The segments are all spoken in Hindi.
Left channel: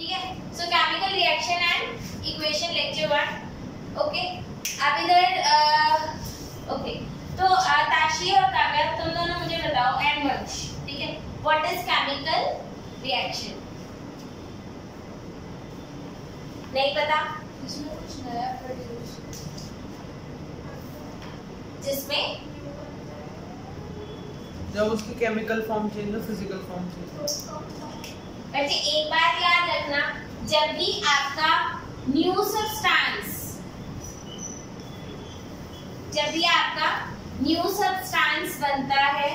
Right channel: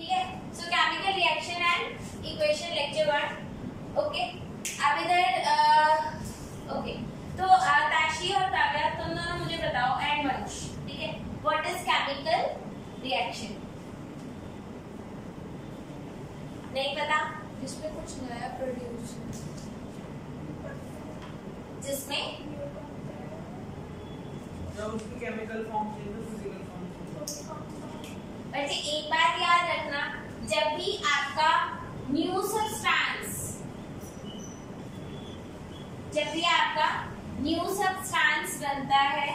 ठीक है। सो chemical reaction and equation lecture 1। Okay, अब इधर ओके, तो ताशी और काव्या तुम दोनों मुझे बताओ, एंड वंश, ठीक है, व्हाट इज केमिकल रिएक्शन? नहीं पता? इसमें कुछ नया प्रोड्यूस, जिसमें जब उसकी केमिकल फॉर्म चेंज हो, फिजिकल फॉर्म चेंज। बच्चे एक बात याद रखना, जब भी आपका न्यू सब्सटेंस, जब भी आपका न्यू सब्सटेंस बनता है,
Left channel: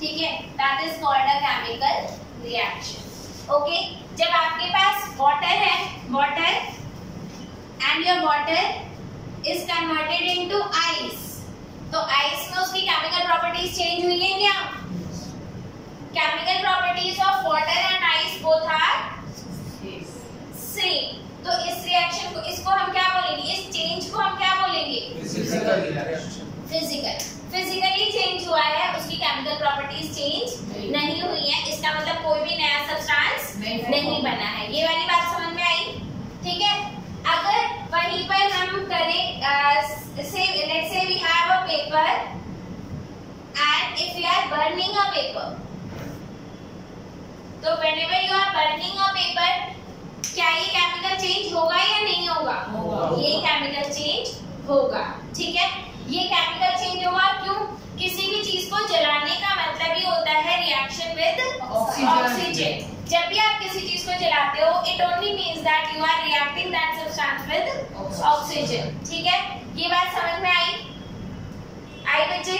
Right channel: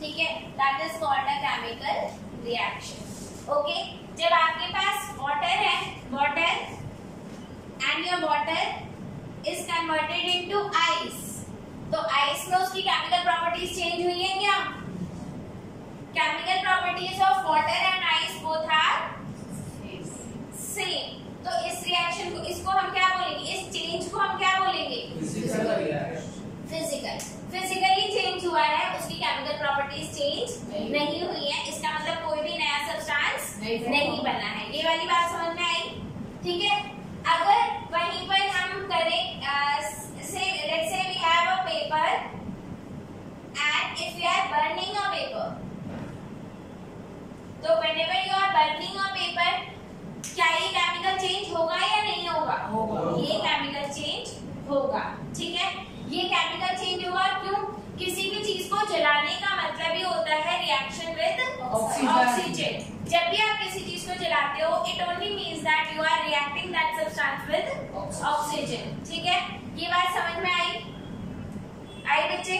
ठीक है, that is called a chemical reaction. Okay, जब आपके पास वाटर है, water and your water is converted into ice, तो आइस में उसकी केमिकल प्रॉपर्टीज चेंज हुई है क्या? Chemical properties of water and ice both are same. तो इस रिएक्शन को, इसको हम क्या बोलेंगे, इस चेंज को हम क्या बोलेंगे? Physical reaction. फिजिकली चेंज हुआ है, उसकी केमिकल प्रॉपर्टीज चेंज नहीं हुई है, इसका मतलब कोई भी नया सब्सटेंस नहीं बना है। ये वाली बात समझ में आई? ठीक है। अगर वहीं पर हम करें, let's say we have a paper and if we are burning a paper, तो whenever you are burning a paper, क्या ये केमिकल चेंज होगा या नहीं होगा? ये केमिकल चेंज होगा, ठीक है। ये केमिकल चेंज होगा क्यों? किसी भी चीज को जलाने का मतलब ही होता है रिएक्शन विद ऑक्सीजन। जब भी आप किसी चीज को जलाते हो, it only means that you are reacting that substance with oxygen, ठीक है। ये बात समझ में आई? बच्चे,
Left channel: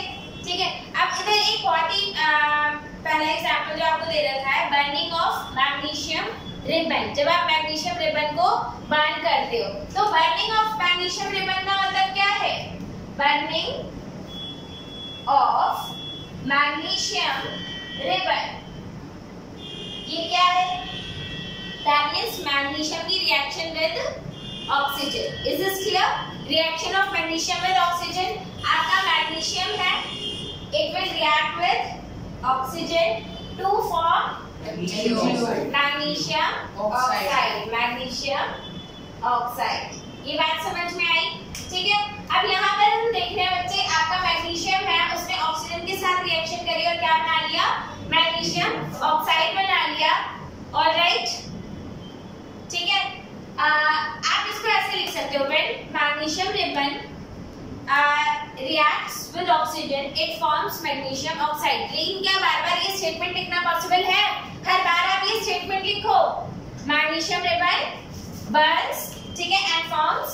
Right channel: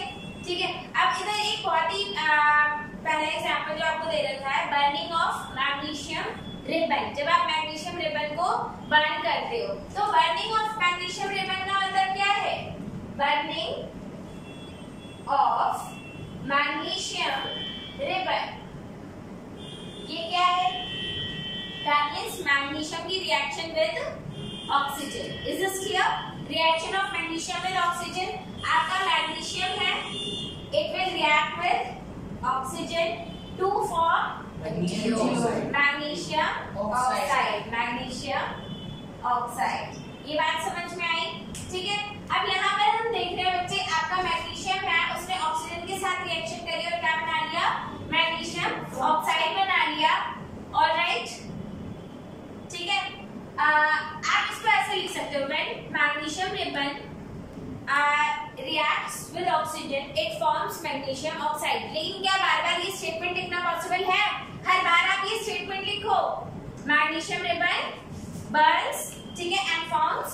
ठीक है। अब इधर एक बहुत ही पहला एग्जांपल जो आपको दे रखा है, बर्निंग ऑफ मैग्नीशियम रिबन। जब आप मैग्नीशियम रिबन को बर्न करते हो, तो बर्निंग ऑफ मैग्नीशियम रिबन का मतलब क्या है? बर्निंग ऑफ मैग्नीशियम रिबन, ये क्या है? दैट मींस मैग्नीशियम की reaction with oxygen. Is this clear? Reaction of magnesium with oxygen, आपका मैग्नीशियम है, it will react with oxygen to form magnesium oxide, magnesium oxide. ये बात समझ में आई? ठीक है। अब यहाँ पर हम देख रहे हैं बच्चे, आपका मैग्नीशियम है, उसने ऑक्सीजन के साथ रिएक्शन करी और क्या बना लिया? मैग्नीशियम ऑक्साइड बना लिया। ऑलराइट, ठीक है। आप इसको ऐसे लिख सकते हो, when magnesium ribbon reacts with oxygen it forms magnesium oxide। लेकिन क्या बार बार ये स्टेटमेंट लिखना पॉसिबल है? हर बार आप ये स्टेटमेंट लिखो, मैग्नीशियम रिबन बर्न्स, ठीक है, एंड फॉर्म्स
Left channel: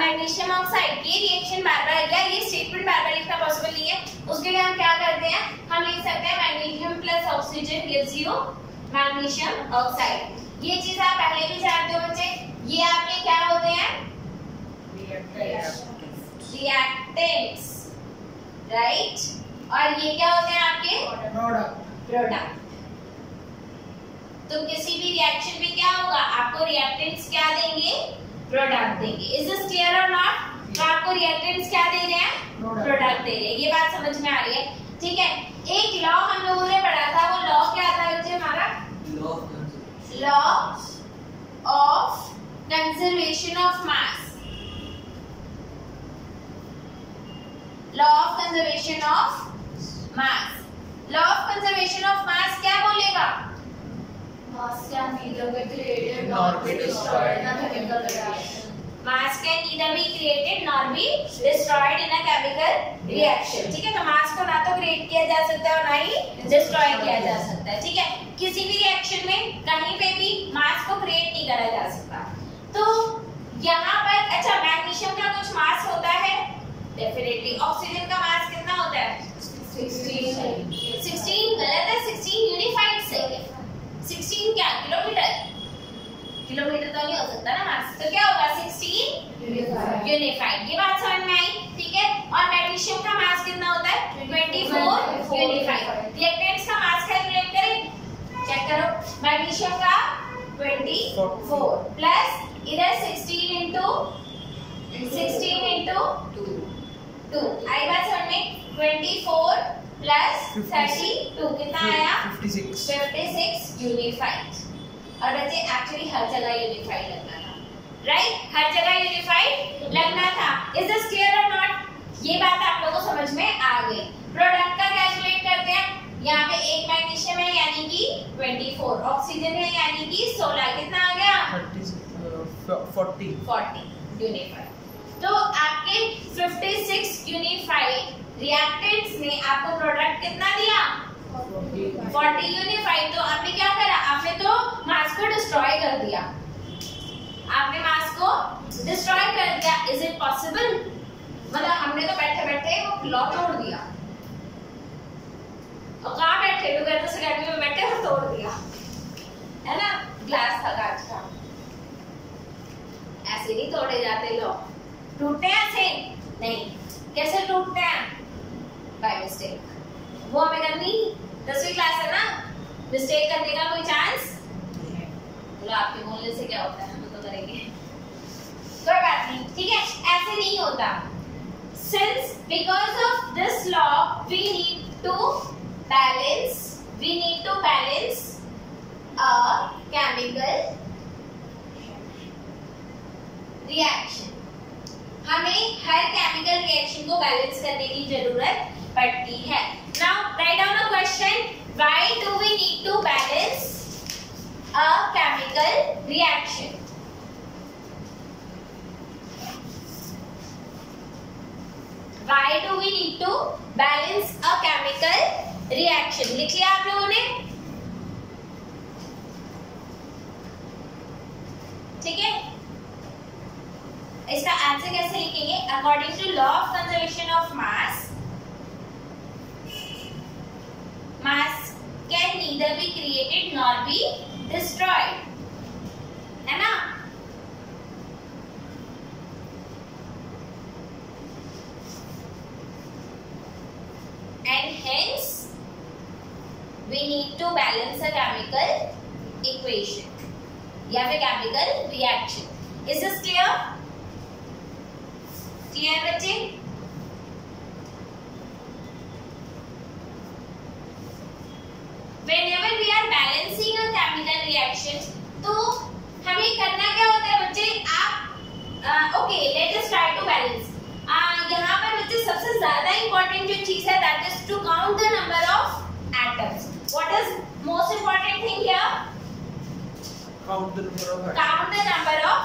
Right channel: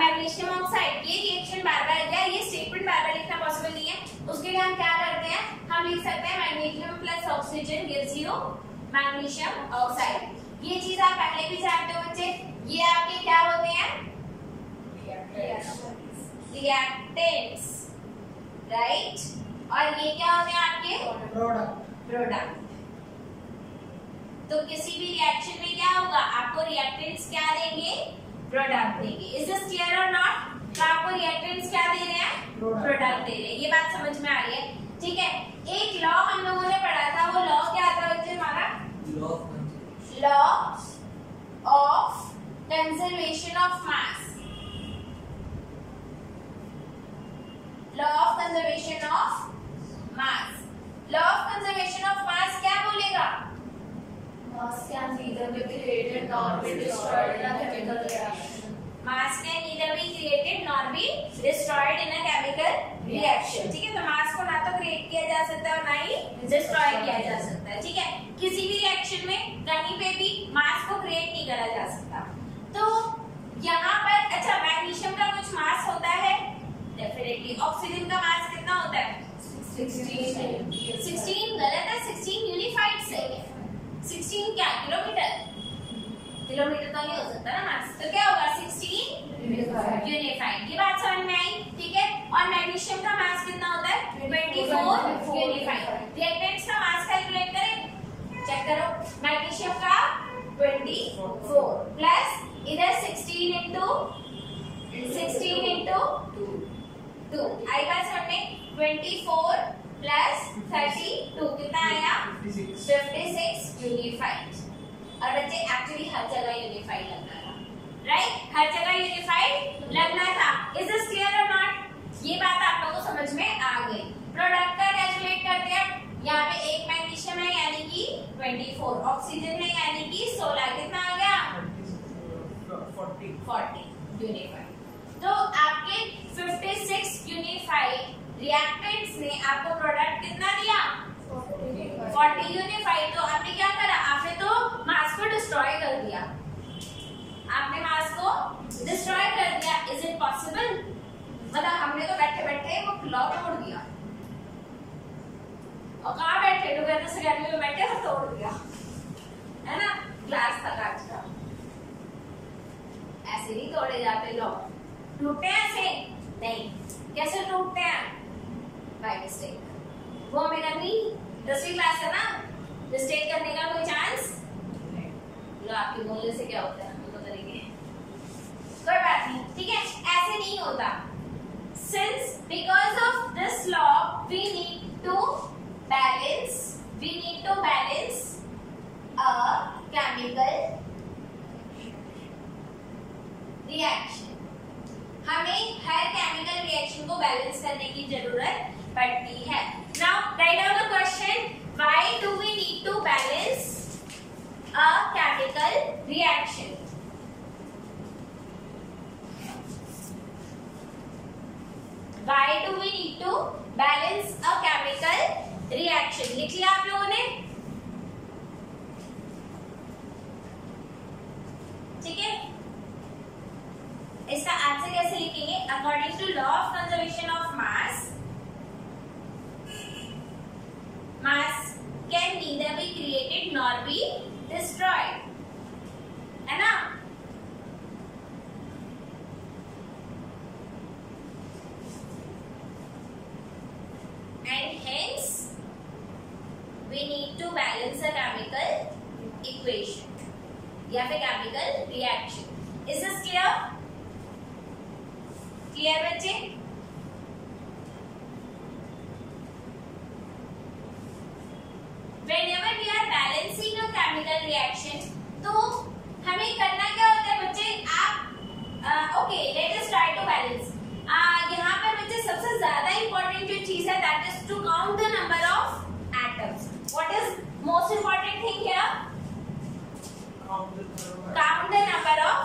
मैग्नीशियम ऑक्साइड। ये रिएक्शन बार बार, या ये स्टेटमेंट बार बार लिखना पॉसिबल नहीं है। उसके लिए हम क्या करते हैं, हम लिख सकते हैं magnesium plus oxygen gives you magnesium oxide. ये चीज आप पहले भी जानते हो बच्चे, ये आपके क्या होते हैं? Reactants, right. और ये क्या होते हैं आपके? प्रोडक्ट। तो किसी भी रिएक्शन में क्या होगा? आपको रिएक्टेंट्स क्या देंगे? प्रोडक्ट देंगे। इज दिस क्लियर और नॉट? तो आपको रिएक्टेंट्स क्या दे रहे हैं? प्रोडक्ट दे रहे हैं। ये बात समझ में आ रही है? ठीक है। एक लॉ हम लोगों ने पढ़ा था, वो लॉ क्या था बच्चे हमारा? Law of conservation of mass. Law of conservation of mass. Law of conservation of मास क्या बोलेगा? mass can neither be created nor be destroyed in a chemical reaction. Mass can neither be created nor be destroyed in a chemical reaction। ठीक है, तो मास को ना तो क्रिएट किया जा सकता है और ना ही डिस्ट्रॉय किया जा सकता है। ठीक है, किसी भी रिएक्शन में कहीं पे भी मास को क्रिएट नहीं करा जा सकता। तो यहाँ पर अच्छा, मैग्नीशियम का कुछ मास होता है डेफिनेटली। ऑक्सीजन का मास कितना होता है? 16 गलत है, 16 यूनिफाइड से। 16 क्या? किलोमीटर? किलोमीटर तो नहीं हो सकता ना मास, तो क्या होगा? 16 यूनिफाइड। ये बात समझ में आई? ठीक है। और मैग्नीशियम का मास कितना होता है? 24 यूनिफाइड। रिएक्टेंट्स का मास कैलकुलेट करें, चेक करो। मैग्नीशियम का 24 प्लस इधर 16 इंटू 2। आई बात समझ में? 24 प्लस 32 कितना आया? 56 यूनिफाइड। और बच्चे एक्चुअली हर जगह यूनिफाइड लगना था, राइट? हर जगह यूनिफाइड लगना था। इज दिस क्लियर और नॉट? ये बात आप लोगों को समझ में आ गई। प्रोडक्ट का कैलकुलेट करते हैं। यहाँ पे एक मैग्नीशियम है यानी कि 24, ऑक्सीजन है यानी कि 16, कितना आ गया? 40 यूनिफाइड। तो आपके 56 यूनिफाइड रिएक्टेंट्स ने आपको प्रोडक्ट कितना दिया? 40 यूनिफाइड। तो आपने क्या करा? आपने तो मास को डिस्ट्रॉय कर दिया, आपने मास को डिस्ट्रॉय कर दिया। Is it possible? मतलब हमने तो बैठे बैठे वो लॉ तोड़ दिया, और कहाँ बैठे टुगेदर सेकेंडरी में बैठे और तोड़ दिया, है ना? ग्लास था कांच का, ऐसे नहीं तोड़े जाते लॉ। टूटते हैं ऐसे नहीं। कैसे टूटते हैं? By mistake. वो हमें करनी 10वीं क्लास है ना, मिस्टेक करने का कोई चांस बोलो। आपके बोलने से क्या होता है, हम तो करेंगे, कोई बात नहीं, ठीक है? ऐसे नहीं होता। Since because of this law we need to balance a chemical reaction. हमें हर केमिकल रिएक्शन को बैलेंस करने की जरूरत पड़ती है। Now write down a question. Why do we need to balance a chemical reaction? Why do we need to balance a chemical reaction? लिख लिया आप लोगों ने? ठीक है, इसका आंसर कैसे लिखेंगे? According to law of conservation of mass, mass can neither be created nor be destroyed, है ना? And hence we need to balance a chemical equation या फिर chemical reaction. Is this clear? Clear बच्चे? Whenever we are balancing a chemical reaction, तो हमें करना क्या होता है बच्चे? आप okay, let us try to balance. यहाँ पर बच्चे सबसे ज्यादा इंपॉर्टेंट जो चीज है that is to count the number of atoms. What is most important thing here? Count the number of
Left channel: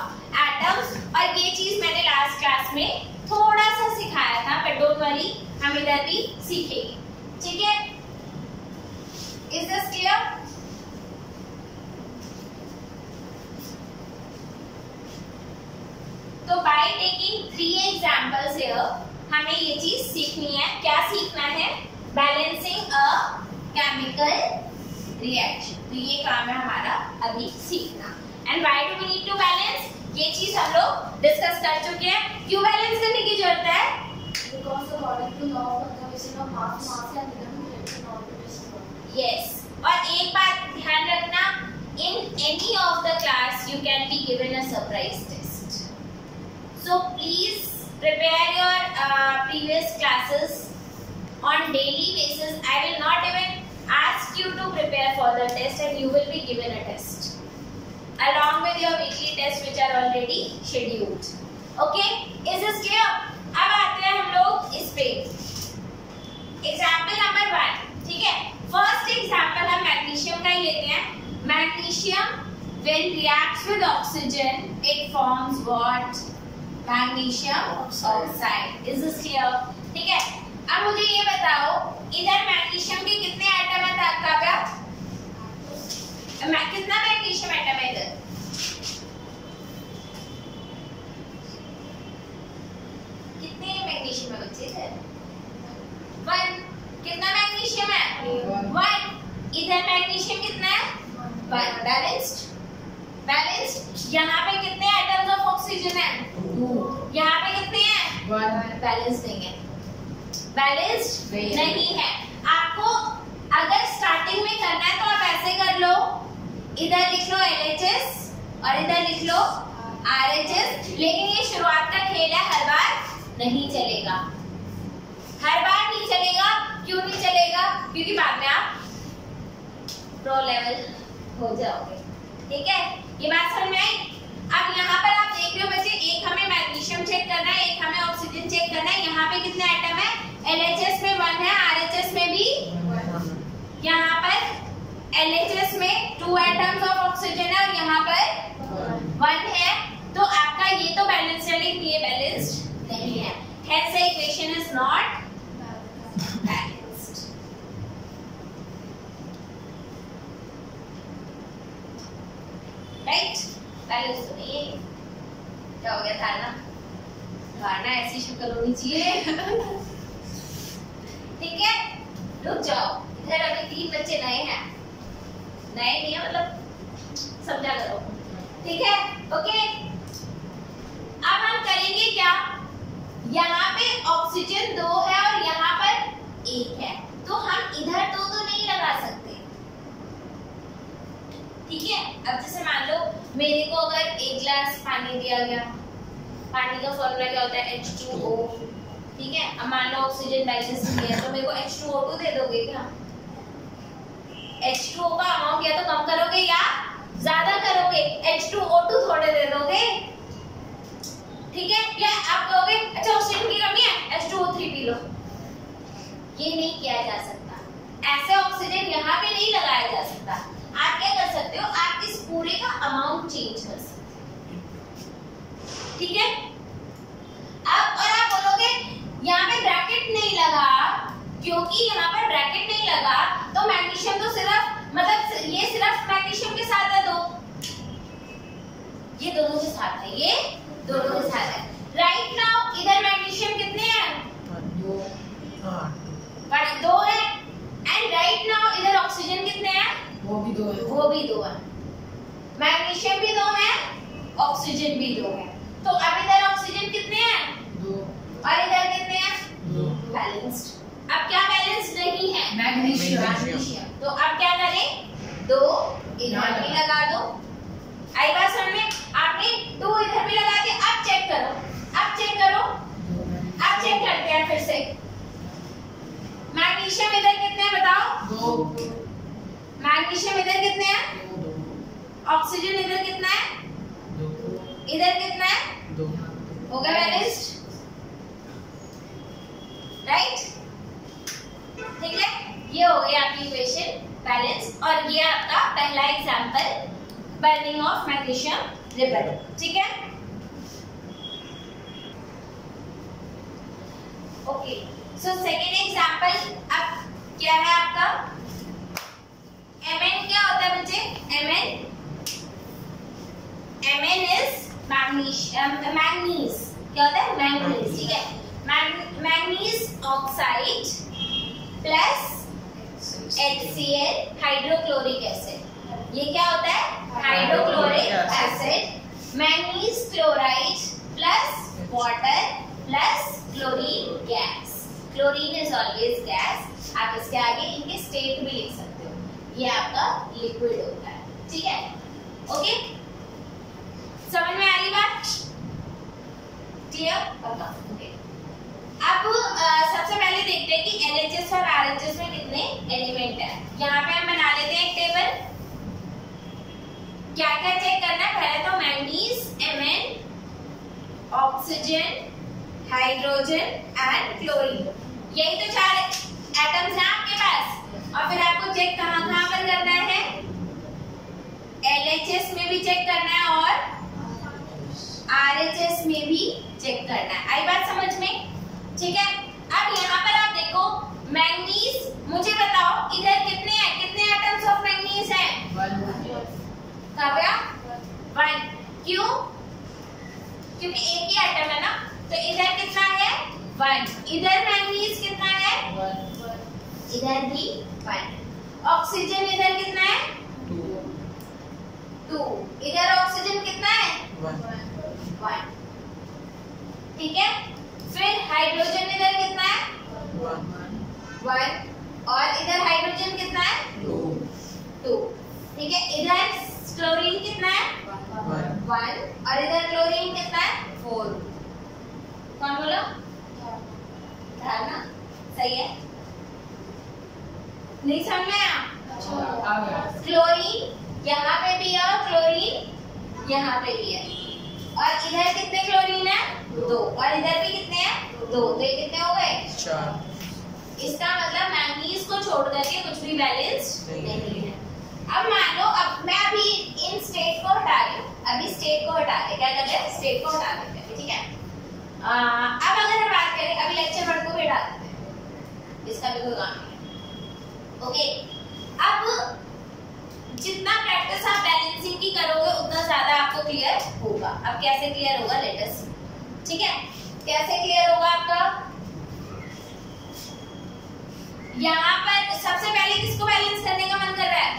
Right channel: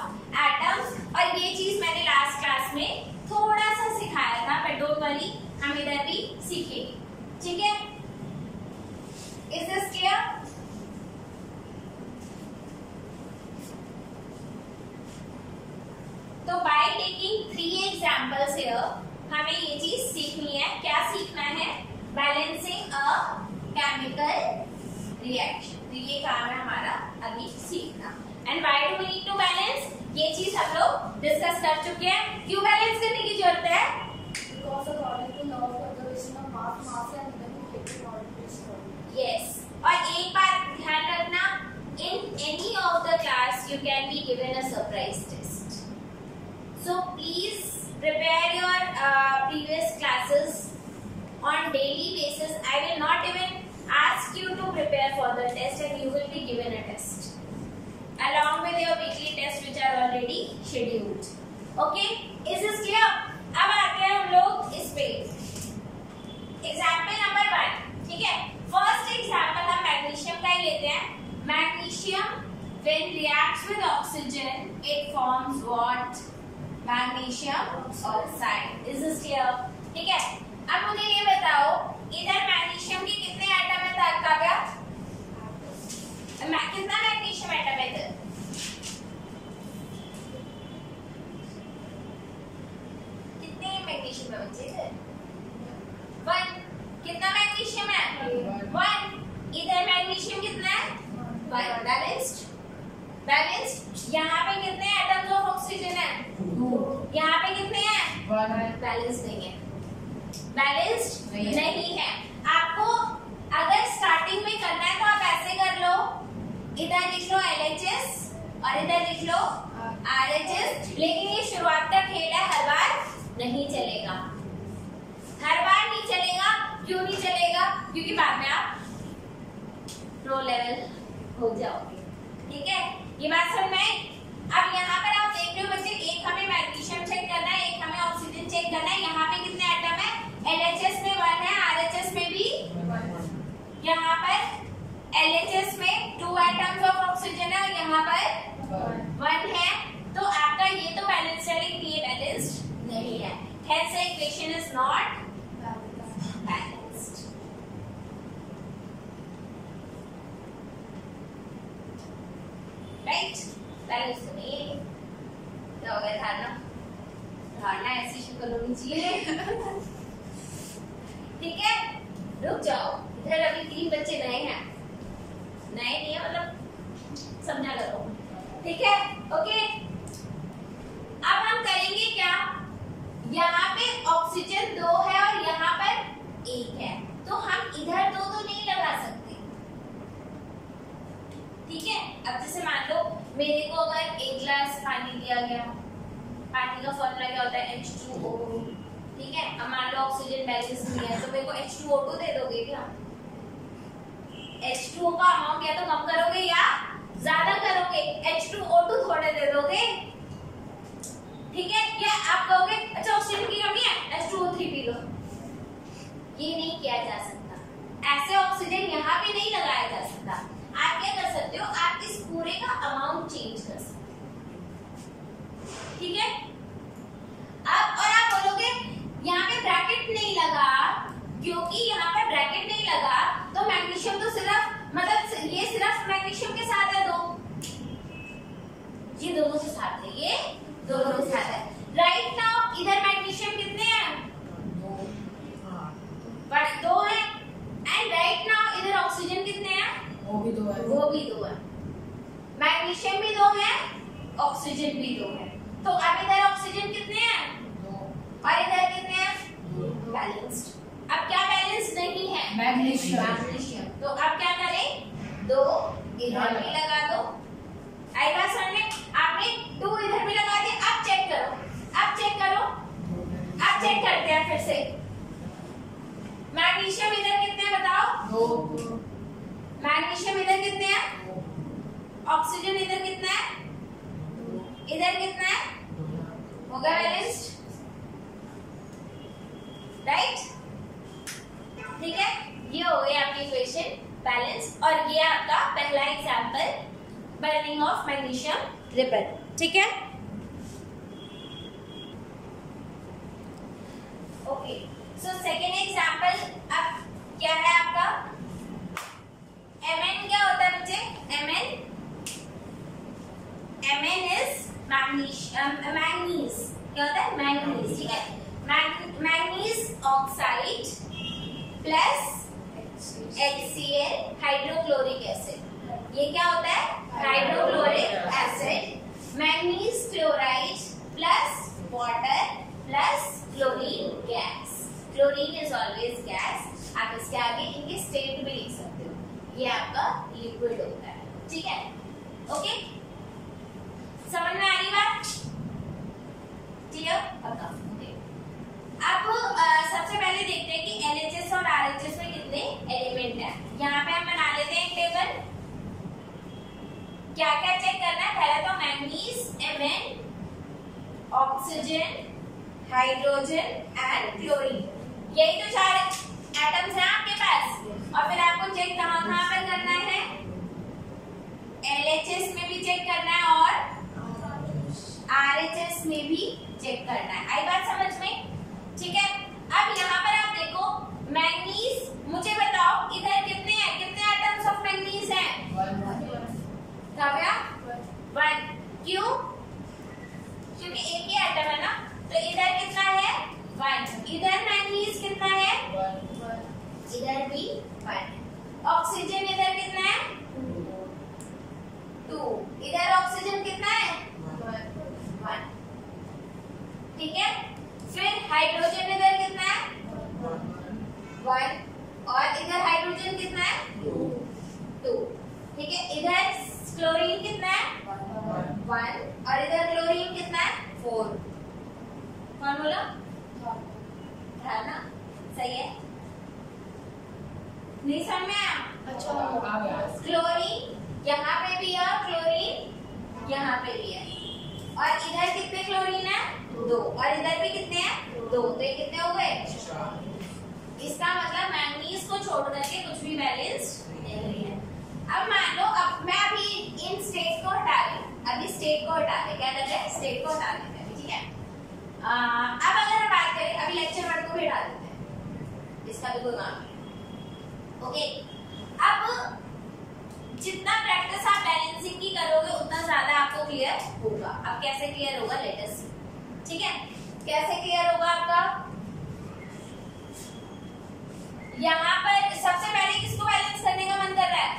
atoms. और ये चीज मैंने लास्ट क्लास में थोड़ा सा सिखाया था, but don't worry, हम इधर भी सीखेंगे, ठीक है? Is this clear? तो by taking 3 examples here, हमें ये चीज सीखनी है। क्या सीखना है? Balancing a chemical reaction. तो ये काम है हमारा अभी सीखना। And why do we need to balance? ये चीज हम लोग डिस्कस कर चुके हैं। क्यों बैलेंस करने की जरूरत है? Because according to law of conservation of mass, mass can neither be created nor be destroyed. Yes. और एक बात ध्यान रखना, in any of the class you can be given a surprise test. So please prepare your previous classes on daily basis. I will not even ask you to prepare for the test, and you will be given a test along with your weekly tests which are already scheduled. Okay? Is this clear? अब आते हैं हम लोग इस पे एग्जाम्पल नंबर 1, ठीक है? फर्स्ट एग्जाम्पल हम मैग्नीशियम का ही लेते हैं। Magnesium when reacts with oxygen it forms what? Magnesium oxide. Is this clear? ठीक है, अब मुझे ये बताओ इधर मैग्नीशियम के कितने एटम है काव्या? कितना मैग्नीशियम एटम है इधर? कितने मैग्नीशियम है बच्चे इधर? 1। कितना मैग्नीशियम है? 1। इधर मैग्नीशियम कितना है? 1। बैलेंस्ड। यहाँ पे कितने एटम्स ऑफ ऑक्सीजन है? 2। यहाँ पे कितने हैं? 1। बैलेंस नहीं है। बैलेंस्ड नहीं है। आपको अगर स्टार्टिंग में करना है तो आप ऐसे कर लो, इधर लिख लो LHS और इधर लिख लो RHS। लेकिन ये शुरुआत का खेल है, हर बार नहीं चलेगा। हर बार नहीं चलेगा। क्यों नहीं चलेगा? क्योंकि बाद में आप प्रो लेवल हो जाओगे। ठीक है, ये बात समझ में आई। अब यहाँ पर आप देख रहे हो बच्चे, एक हमें मैग्नीशियम चेक करना है, एक हमें ऑक्सीजन चेक करना है। यहाँ पे कितने एटम है? LHS में 1 है, RHS में भी, यहाँ पर LHS में 2 एटम्स ऑफ ऑक्सीजन है और यहाँ पर 1 है। तो आपका ये तो बैलेंस्ड है, लेकिन ये बैलेंस्ड नहीं है, hence the equation is not balanced. Right? Balance तो नहीं है। क्या हो गया? धारणा ऐसी शक्ल होनी चाहिए। ठीक है, रुक जाओ, इधर अभी 3 बच्चे नए हैं, नए नहीं है मतलब समझा करो, ठीक है, ओके। अब हम करेंगे क्या, यहाँ पे ऑक्सीजन 2 है और यहाँ पर 1 है, तो हम इधर 2 तो नहीं लगा सकते, ठीक है। अब जैसे मान लो मेरे को अगर 1 गिलास पानी दिया गया, पानी का फॉर्मूला क्या होता है? H2O, ठीक है। अब मान लो ऑक्सीजन बैलेंस नहीं है, तो मेरे को H2O2 दे दोगे क्या? H2O का अमाउंट या तो कम करोगे या ज्यादा करोगे, H2O2 थोड़े दे दोगे, ठीक है। या आप कहोगे अच्छा ऑक्सीजन की कमी है, H2O3 पी लो। ये नहीं किया जा सकता, ऐसे ऑक्सीजन यहाँ पे नहीं लगाया जा सकता। आप क्या कर सकते हो, आप इस पूरे का अमाउंट चेंज कर सकते हो, ठीक है। अब और आप बोलोगे यहाँ पे ब्रैकेट नहीं लगा, क्योंकि यहाँ पर ब्रैकेट नहीं लगा तो मैग्नीशियम तो सिर्फ मतलब ये सिर्फ मैग्नीशियम के साथ है, ये दोनों के साथ है, ये दोनों के साथ है। राइट नाउ इधर मैग्नीशियम कितने हैं? 2 है, एंड राइट नाउ इधर ऑक्सीजन कितने हैं? वो भी 2 है, वो भी 2 है। मैग्नीशियम भी 2 है, ऑक्सीजन भी 2 है, तो अब इधर ऑक्सीजन कितने हैं? 2 और इधर कितने हैं? 2 बैलेंस्ड। अब क्या बैलेंस्ड नहीं है? मैग्नीशियम। तो अब क्या करें, 2 इधर भी लगा दो। आई बात समझ में? आपने 2 इधर भी लगा दिया। अब चेक करो, अब चेक करो, अब चेक करते हैं फिर से। मैग्नीशियम इधर कितने हैं बताओ? 2। मैग्नीशियम इधर कितने हैं? ऑक्सीजन इधर कितना है? 2। इधर कितना है? 2। हो गया बैलेंस्ड, राइट, ठीक है। ये हो गई आपकी इक्वेशन बैलेंस, और ये आपका पहला example burning of magnesium ribbon, ठीक है। ओके, सो सेकेंड एग्जांपल अब क्या है आपका? Mn क्या होता है बच्चे? Mn इज मैग्नीज, क्या होता है? मैग्नीज, ठीक है। Manganese oxide plus HCl hydrochloric acid, ये क्या होता है? Hydrochloric acid. Manganese chloride plus water plus chlorine gas, chlorine is always gas. आप इसके आगे इनके स्टेट भी लिख सकते हो, ये आपका लिक्विड होता है, ठीक है, ओके। समझ में आ रही बात? क्लियर? ओके। अब सबसे पहले देखते हैं कि LHS और RHS में कितने एलिमेंट है। यहाँ पे हम बना लेते हैं एक टेबल। क्या क्या चेक करना है? पहले तो manganese, Mn, oxygen, hydrogen and chlorine, यही तो 4 एटम्स हैं आपके पास। और फिर आपको चेक कहाँ पर करना है? LHS में भी चेक करना है और RHS में भी चेक करना है। आई बात समझ में? ठीक है। अब यहाँ पर आप देखो मैंगनीज, मुझे बताओ इधर कितने हैं? कितने एटम्स ऑफ मैंगनीज हैं? 1। क्यों? क्योंकि एक ही एटम है ना, तो इधर कितना है? 1। इधर मैंगनीज कितना है? 1। इधर भी 1। ऑक्सीजन इधर कितना है? 2। इधर ऑक्सीजन कितना है? 1। ठीक है। फिर हाइड्रोजन इधर कितना है? 1। और इधर हाइड्रोजन कितना है? 2। ठीक है। इधर क्लोरीन कितना है? 1। और इधर क्लोरीन कितना है? 4। कौन बोलो? धारणा सही है? नहीं समझ में आया? आ गया। क्लोरीन यहाँ पे भी है, क्लोरीन यहाँ पे भी है, और इधर कितने क्लोरीन है? 2, और इधर भी कितने हैं? 2, तो ये कितने हो गए? 4। इसका मतलब मैंगनीज को छोड़ करके कुछ भी बैलेंस्ड नहीं है। अब मान लो, अब मैं अभी इन स्टेट को हटा रही हूँ, अभी स्टेट को हटा रहे, क्या कर रहे हैं? स्टेट को हटा देते हैं, ठीक है। अब अगर हम बात करें, अभी लेक्चर वर्ड को भी हटा देते हैं, इसका भी कोई काम नहीं। ओके, अब जितना प्रैक्टिस आप बैलेंसिंग की करोगे उतना ज्यादा आपको क्लियर होगा। अब कैसे क्लियर होगा? लेट अस सी, ठीक है। कैसे क्लियर होगा आपका? यहाँ पर सबसे पहले किसको बैलेंस करने का मन कर रहा है?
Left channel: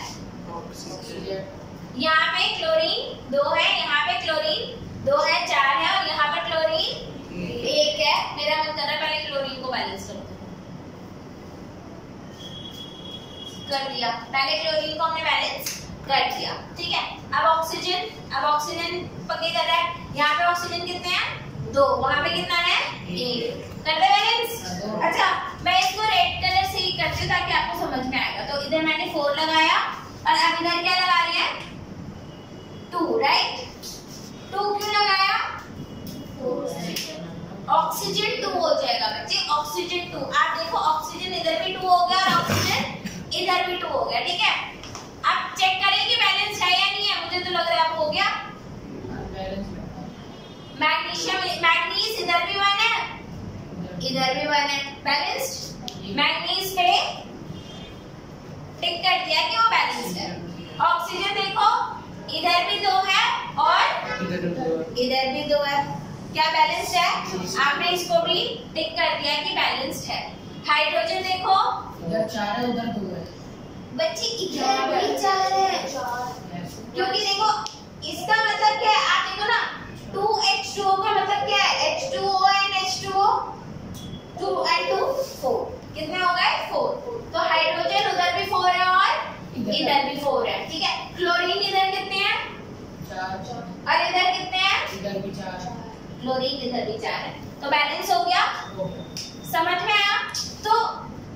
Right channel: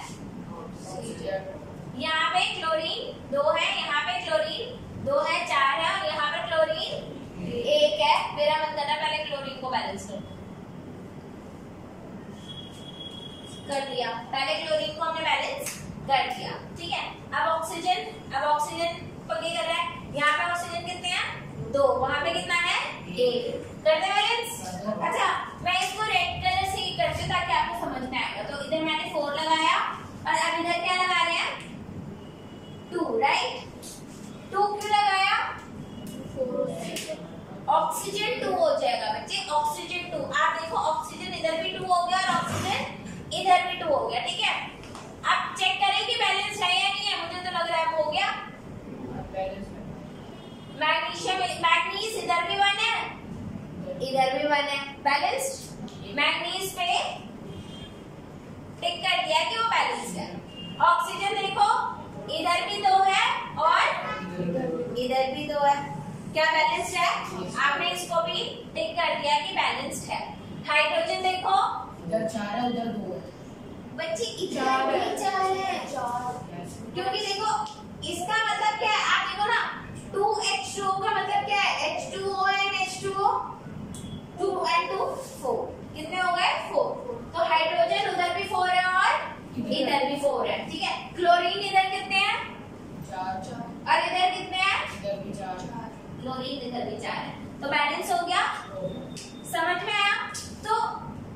यहाँ पे क्लोरीन 2 है, यहाँ पे क्लोरीन 2 है, 4 है, और यहाँ पे क्लोरीन 1 है। मेरा मन कर रहा है पहले क्लोरीन को बैलेंस करो। कर दिया, पहले क्लोरीन को हमने बैलेंस कर दिया, ठीक है। अब ऑक्सीजन पक्के कर रहा है। यहाँ पे ऑक्सीजन कितने हैं? 2, वहां पे कितना है? 1। कर दे बैलेंस। अच्छा, मैं इसको रेड कलर से ही करती हूँ ताकि आपको समझ में आएगा। तो इधर मैंने 4 लगाया, और अब इधर क्या लगा रहे हैं? 2, राइट। 2 क्यों लगाया? ऑक्सीजन 2 हो जाएगा बच्चे, ऑक्सीजन 2। आप देखो, ऑक्सीजन इधर भी 2 हो गया और ऑक्सीजन इधर भी 2 हो गया, ठीक है। अब चेक करें कि बैलेंस है या नहीं है। मुझे तो लग रहा है अब हो गया। मैग्नीज इधर भी 1 है, इधर भी 1 है, बैलेंस्ड। मैग्नीज पे टिक कर दिया कि वो बैलेंस्ड है। ऑक्सीजन देखो, इधर भी 2 है और इधर भी 2 है, क्या बैलेंस्ड है? आपने इसको भी टिक कर दिया कि बैलेंस्ड है। हाइड्रोजन देखो, इधर 4 है, उधर 2 है। बच्चे इधर भी 4 है, क्योंकि देखो इसका मतलब क्या है? आप देखो ना, 2H2O का मतलब क्या है? H2O and H2O, 2 and 2 4, कितने हो गए? 4। तो हाइड्रोजन उधर भी 4 है और इधर भी 4 है, ठीक है। क्लोरीन इधर कितने हैं? 4, और इधर कितने हैं? इधर भी 4। क्लोरीन इधर भी 4 है, तो बैलेंस हो गया। समझ में आया? तो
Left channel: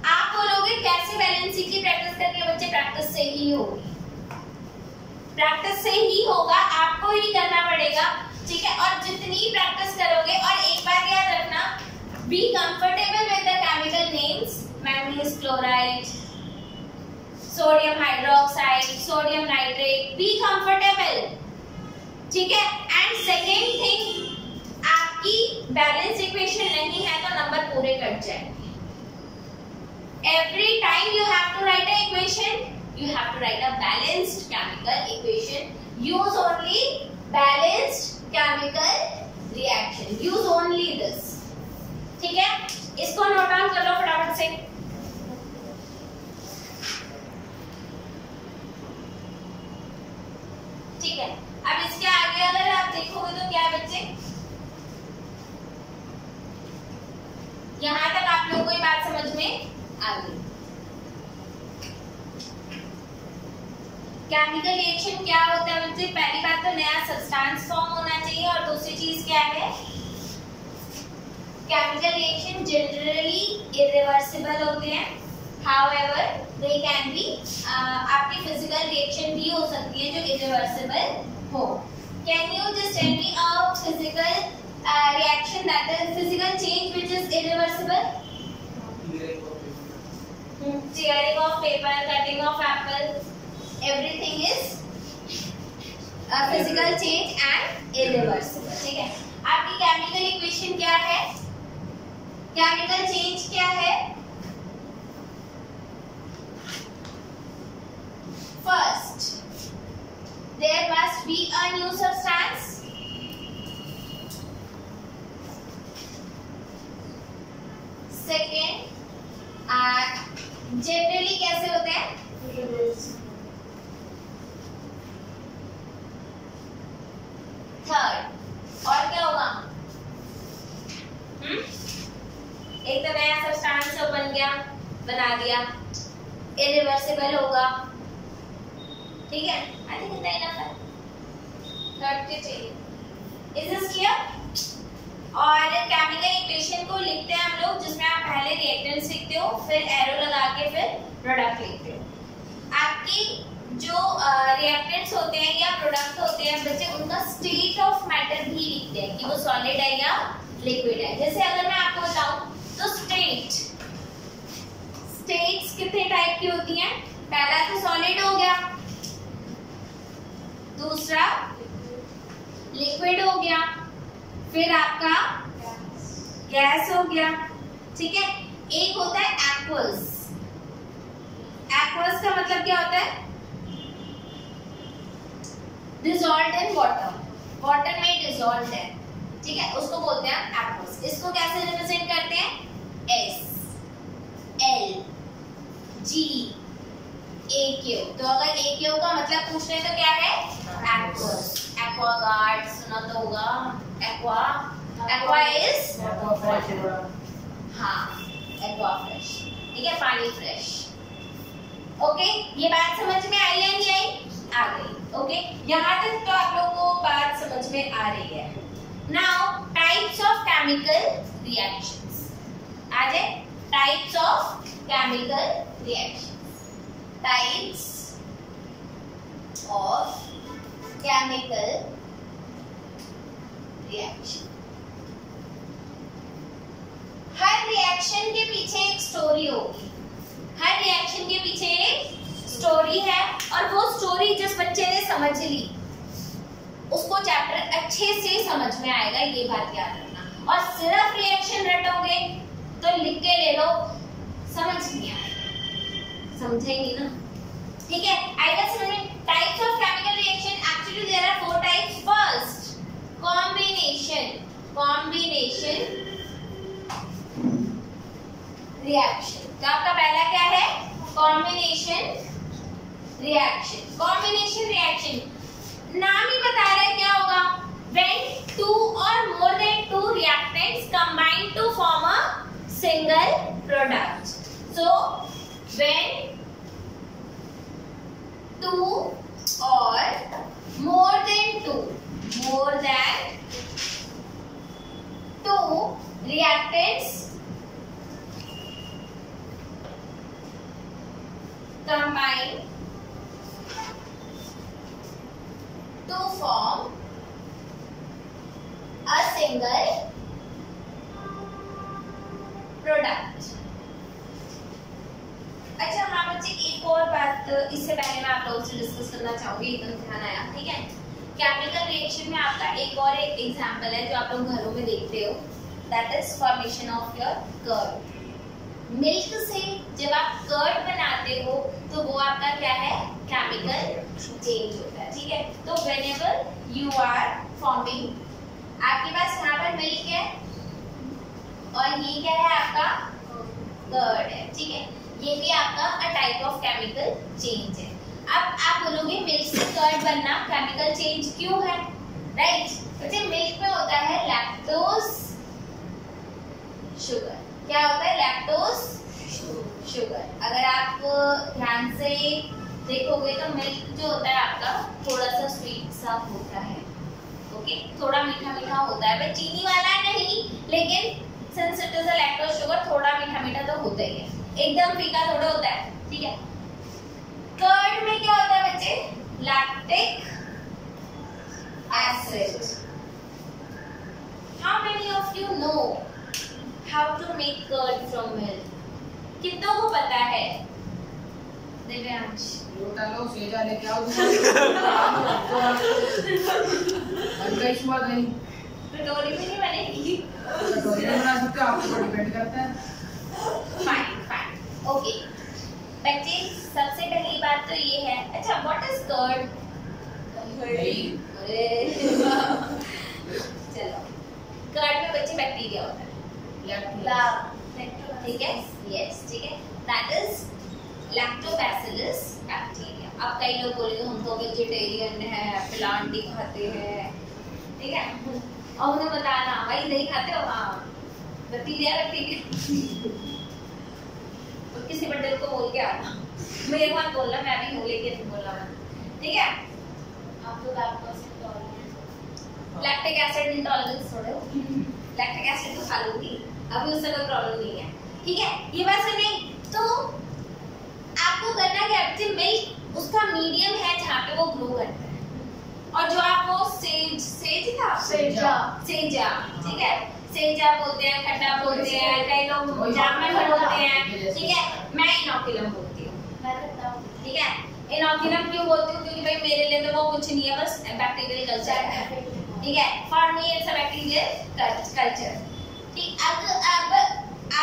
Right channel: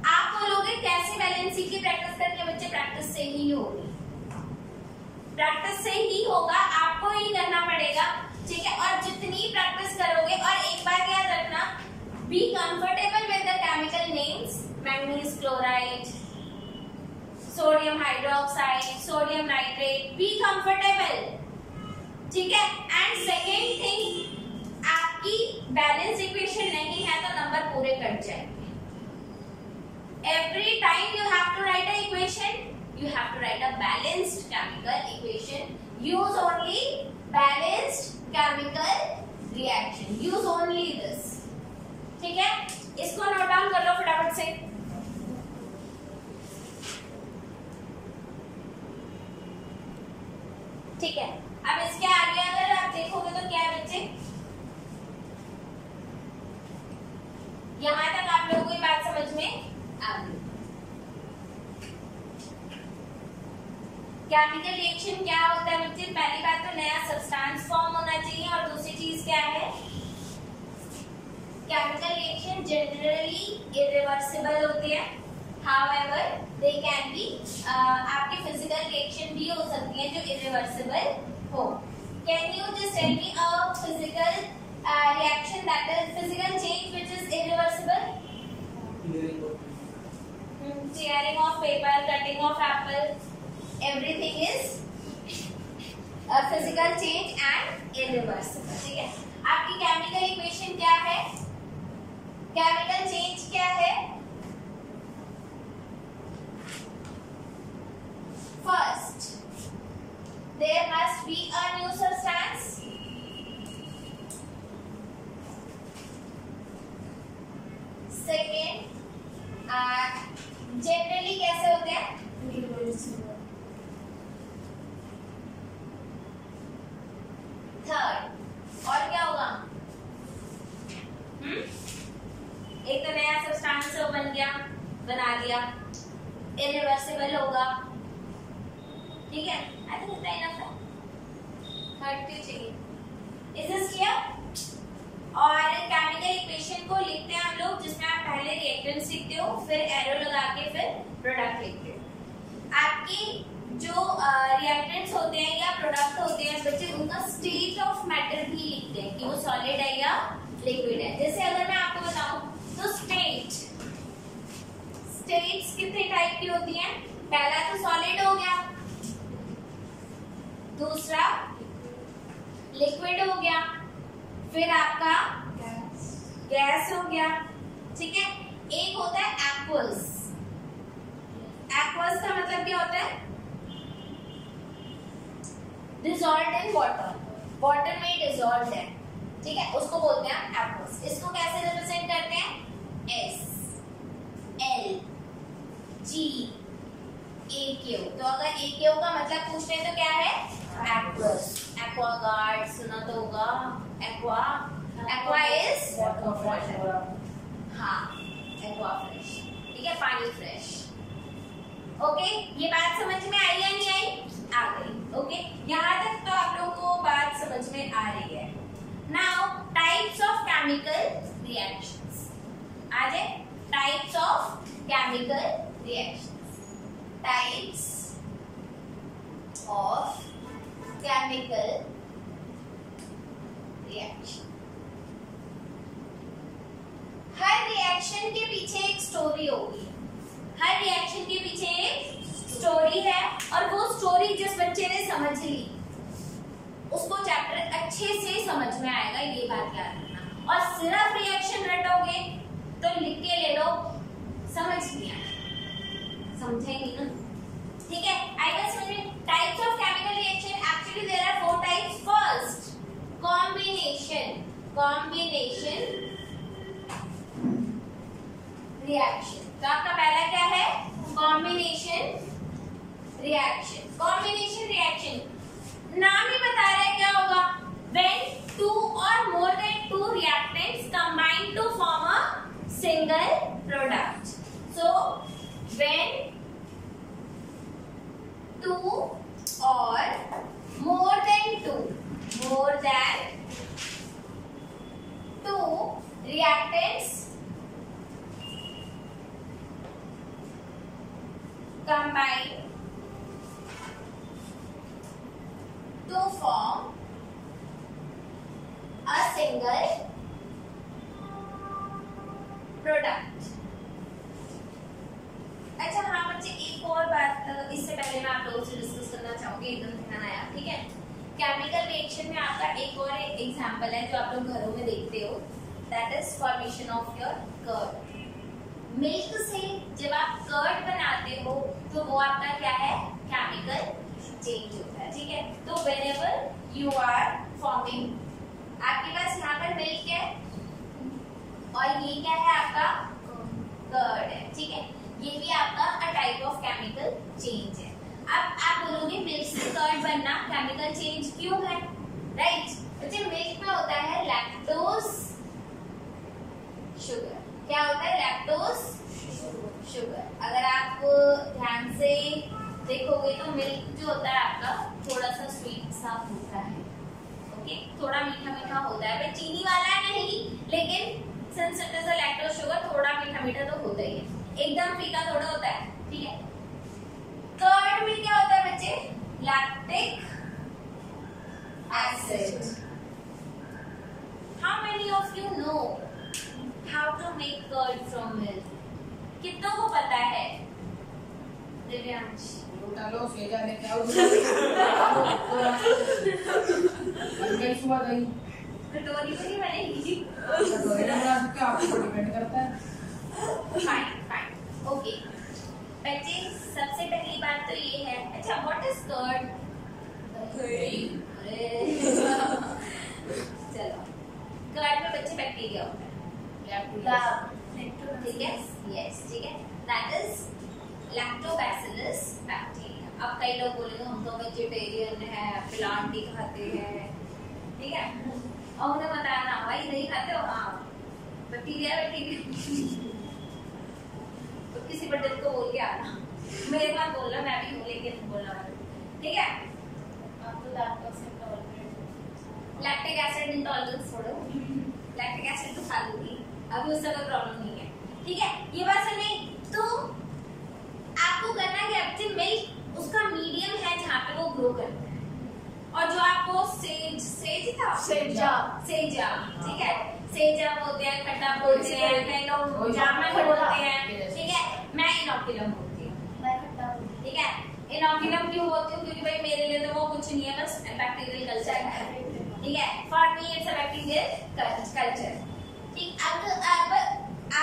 आप बोलोगे कैसे बैलेंसिंग की प्रैक्टिस करनी है? बच्चे प्रैक्टिस से ही होगी, प्रैक्टिस से ही होगा, आपको ही करना पड़ेगा, ठीक है। और जितनी प्रैक्टिस करोगे, और एक बात याद रखना, be comfortable with the chemical names, manganese chloride, sodium hydroxide, sodium nitrate, be comfortable, ठीक है। एंड सेकेंड थिंग, आपकी बैलेंस इक्वेशन नहीं है तो नंबर पूरे कट जाएंगे। Every time you have to write an equation, you have to write a balanced chemical equation. Use only balanced chemical reaction. Use only this. ठीक है? इसको नोट डाउन कर लो फटाफट से। ठीक है, अब इसके आगे अगर आप देखोगे तो क्या है बच्चे, यहां तक आप लोगों को ये बात समझ में आ गई। केमिकल रिएक्शन क्या होता है बच्चे? पहली बात तो नया सब्सटेंस फॉर्म होना चाहिए, और दूसरी चीज क्या है? केमिकल रिएक्शन जनरली इरिवर्सिबल होते हैं, हाउएवर दे कैन बी, आपकी फिजिकल रिएक्शन भी हो सकती है जो इरिवर्सिबल हो। Can you just tell me a physical reaction, that is physical change which is irreversible? Tearing of paper, cutting of apple, everything is a physical change and irreversible, ठीक है। आपकी केमिकल इक्वेशन क्या है? केमिकल चेंज क्या है? First, there must be a new substance. Second, generally कैसे होते हैं? थर्ड, और क्या होगा? एक तो नया सब्सटेंस बन गया, बना दिया, इरिवर्सिबल होगा, ठीक है। आई थिंक इतना इनफ है, थर्ड के चाहिए। Is this clear? और केमिकल इक्वेशन को लिखते हैं हम लोग, जिसमें आप पहले रिएक्टेंट्स लिखते हो, फिर एरो लगा के फिर प्रोडक्ट लिखते हो। आपकी जो रिएक्टेंट्स होते हैं या प्रोडक्ट होते हैं हैं बच्चे उनका स्टेट ऑफ मैटर भी लिखते हैं कि वो सॉलिड है या लिक्विड है। जैसे अगर मैं आपको बताऊं तो स्टेट्स कितने टाइप की होती हैं? पहला तो सॉलिड हो गया, दूसरा लिक्विड हो गया, फिर आपका गैस हो गया, ठीक है। एक होता है एक्वस। एक्वस का मतलब क्या होता है? डिसॉल्व्ड इन वाटर, वाटर में डिसॉल्व्ड है, ठीक है, उसको बोलते हैं एक्वस। इसको कैसे रिप्रेजेंट करते हैं? एस एल जी ए क्यू। तो अगर ए क्यू का मतलब पूछते हैं तो क्या है? एक्वस। एक्वागार्ड सुना तो होगा, एक्वा इज हाँ एक्वा फ्रेश, ठीक है, पानी फ्रेश। ओके, ये बात समझ में आई या नहीं आई? आ गई। ओके, यहाँ तक तो आप लोगों को बात समझ में आ रही है। Now types of chemical reactions आ जाए। Types of chemical reactions, types of chemical reaction. हर रिएक्शन के पीछे एक स्टोरी होगी, हर रिएक्शन के पीछे एक स्टोरी है, और वो स्टोरी जिस बच्चे ने समझ ली उसको चैप्टर अच्छे से समझ में आएगा, ये बात याद रखना। और सिर्फ रिएक्शन रटोगे तो लिख के ले लो, समझ नहीं आएगा, समझे नहीं ना, ठीक है। आएगा समझ में? Types of chemical reaction, actually there are 4 types. First combination reaction. तो आपका पहला क्या है? Combination reaction. कॉम्बिनेशन रिएक्शन नाम ही बता रहा है क्या होगा? When 2 or more than 2 reactants combine to form a single product. So when 2 or more than 2 reactants combine to form a single product. अच्छा हाँ बच्चे, एक और बात इससे पहले मैं आप लोगों से डिस्कस करना चाहूंगी, एकदम ध्यान आया, ठीक है। केमिकल रिएक्शन में आपका एक और एक एग्जांपल है जो आप लोग घरों में देखते हो, that is formation of your curd. Milk से जब आप कर्ड बनाते हो तो वो आपका क्या है? केमिकल चेंज होता है, ठीक है। तो व्हेनेवर यू आर फॉर्मिंग, आपके पास यहाँ पर मिल्क है और ये क्या है? आपका कर्ड है, ठीक है। ये भी आपका a type of chemical change है। अब आप बोलोगे मिल्क से कर्ड बनना केमिकल चेंज क्यों है? राइट, बच्चे मिल्क में होता है लैक्टोज शुगर। क्या होता है? Lactose sugar. अगर आप ध्यान से देखोगे तो मिल्क जो होता है आपका थोड़ा सा स्वीट सा होता है, ओके, थोड़ा मीठा मीठा होता है, पर चीनी वाला नहीं, लेकिन since it is a lactose sugar थोड़ा मीठा मीठा तो होता ही है, एकदम फीका थोड़ा होता है, ठीक है। कर्ड में क्या होता है बच्चे? Lactic acid. How many of you know how to make curd from milk? कितनों को पता है? दिव्यांश लोटा लो, सेजा लेके आओ, गई सुबह गई, कटोरी में नहीं बनेगी, कटोरी में बना सकते हो, आपको डिपेंड करता है। फाइन, ओके बच्चे, सबसे पहली बात तो ये है, अच्छा व्हाट इज कर्ड? चलो, कर्ड में बच्चे बैक्टीरिया होता है, ठीक है, यस, ठीक है, दैट इज लैक्टोबैसिलस बैक्टीरिया। अब कई लोग बोलेंगे हम तो वेजिटेरियन है, प्लांट ही खाते हैं, ठीक है, और उन्हें बताना भाई नहीं खाते हो, हाँ बैक्टीरिया और किसी बंदे को बोल के आना, मेरे साथ बोलना, मैं भी हूँ लेकिन बोलना मत, ठीक है। आप तो लैक्टिक एसिड इंटॉलरेंस थोड़े, लैक्टिक एसिड तो खा लूंगी, अभी उससे कोई प्रॉब्लम नहीं है, ठीक है। ये बात सुन नहीं तो आपको करना क्या है? मिल्क उसका मीडियम है जहाँ पे वो ग्रो करता है, और जो आपको सेज था, सेजा सेजा, ठीक है, सेजा बोलते हैं, खट्टा बोलते हैं, कई लोग जामुन बोलते हैं, ठीक है। मैं इनोकुलम बोलती हूँ, मैं खट्टा ठीक है। इनोकुलम क्यों बोलती हूँ? क्योंकि भाई मेरे लिए तो वो कुछ नहीं है, बस बैक्टीरियल कल्चर है, ठीक है। For me it's a bacterial culture, ठीक। अब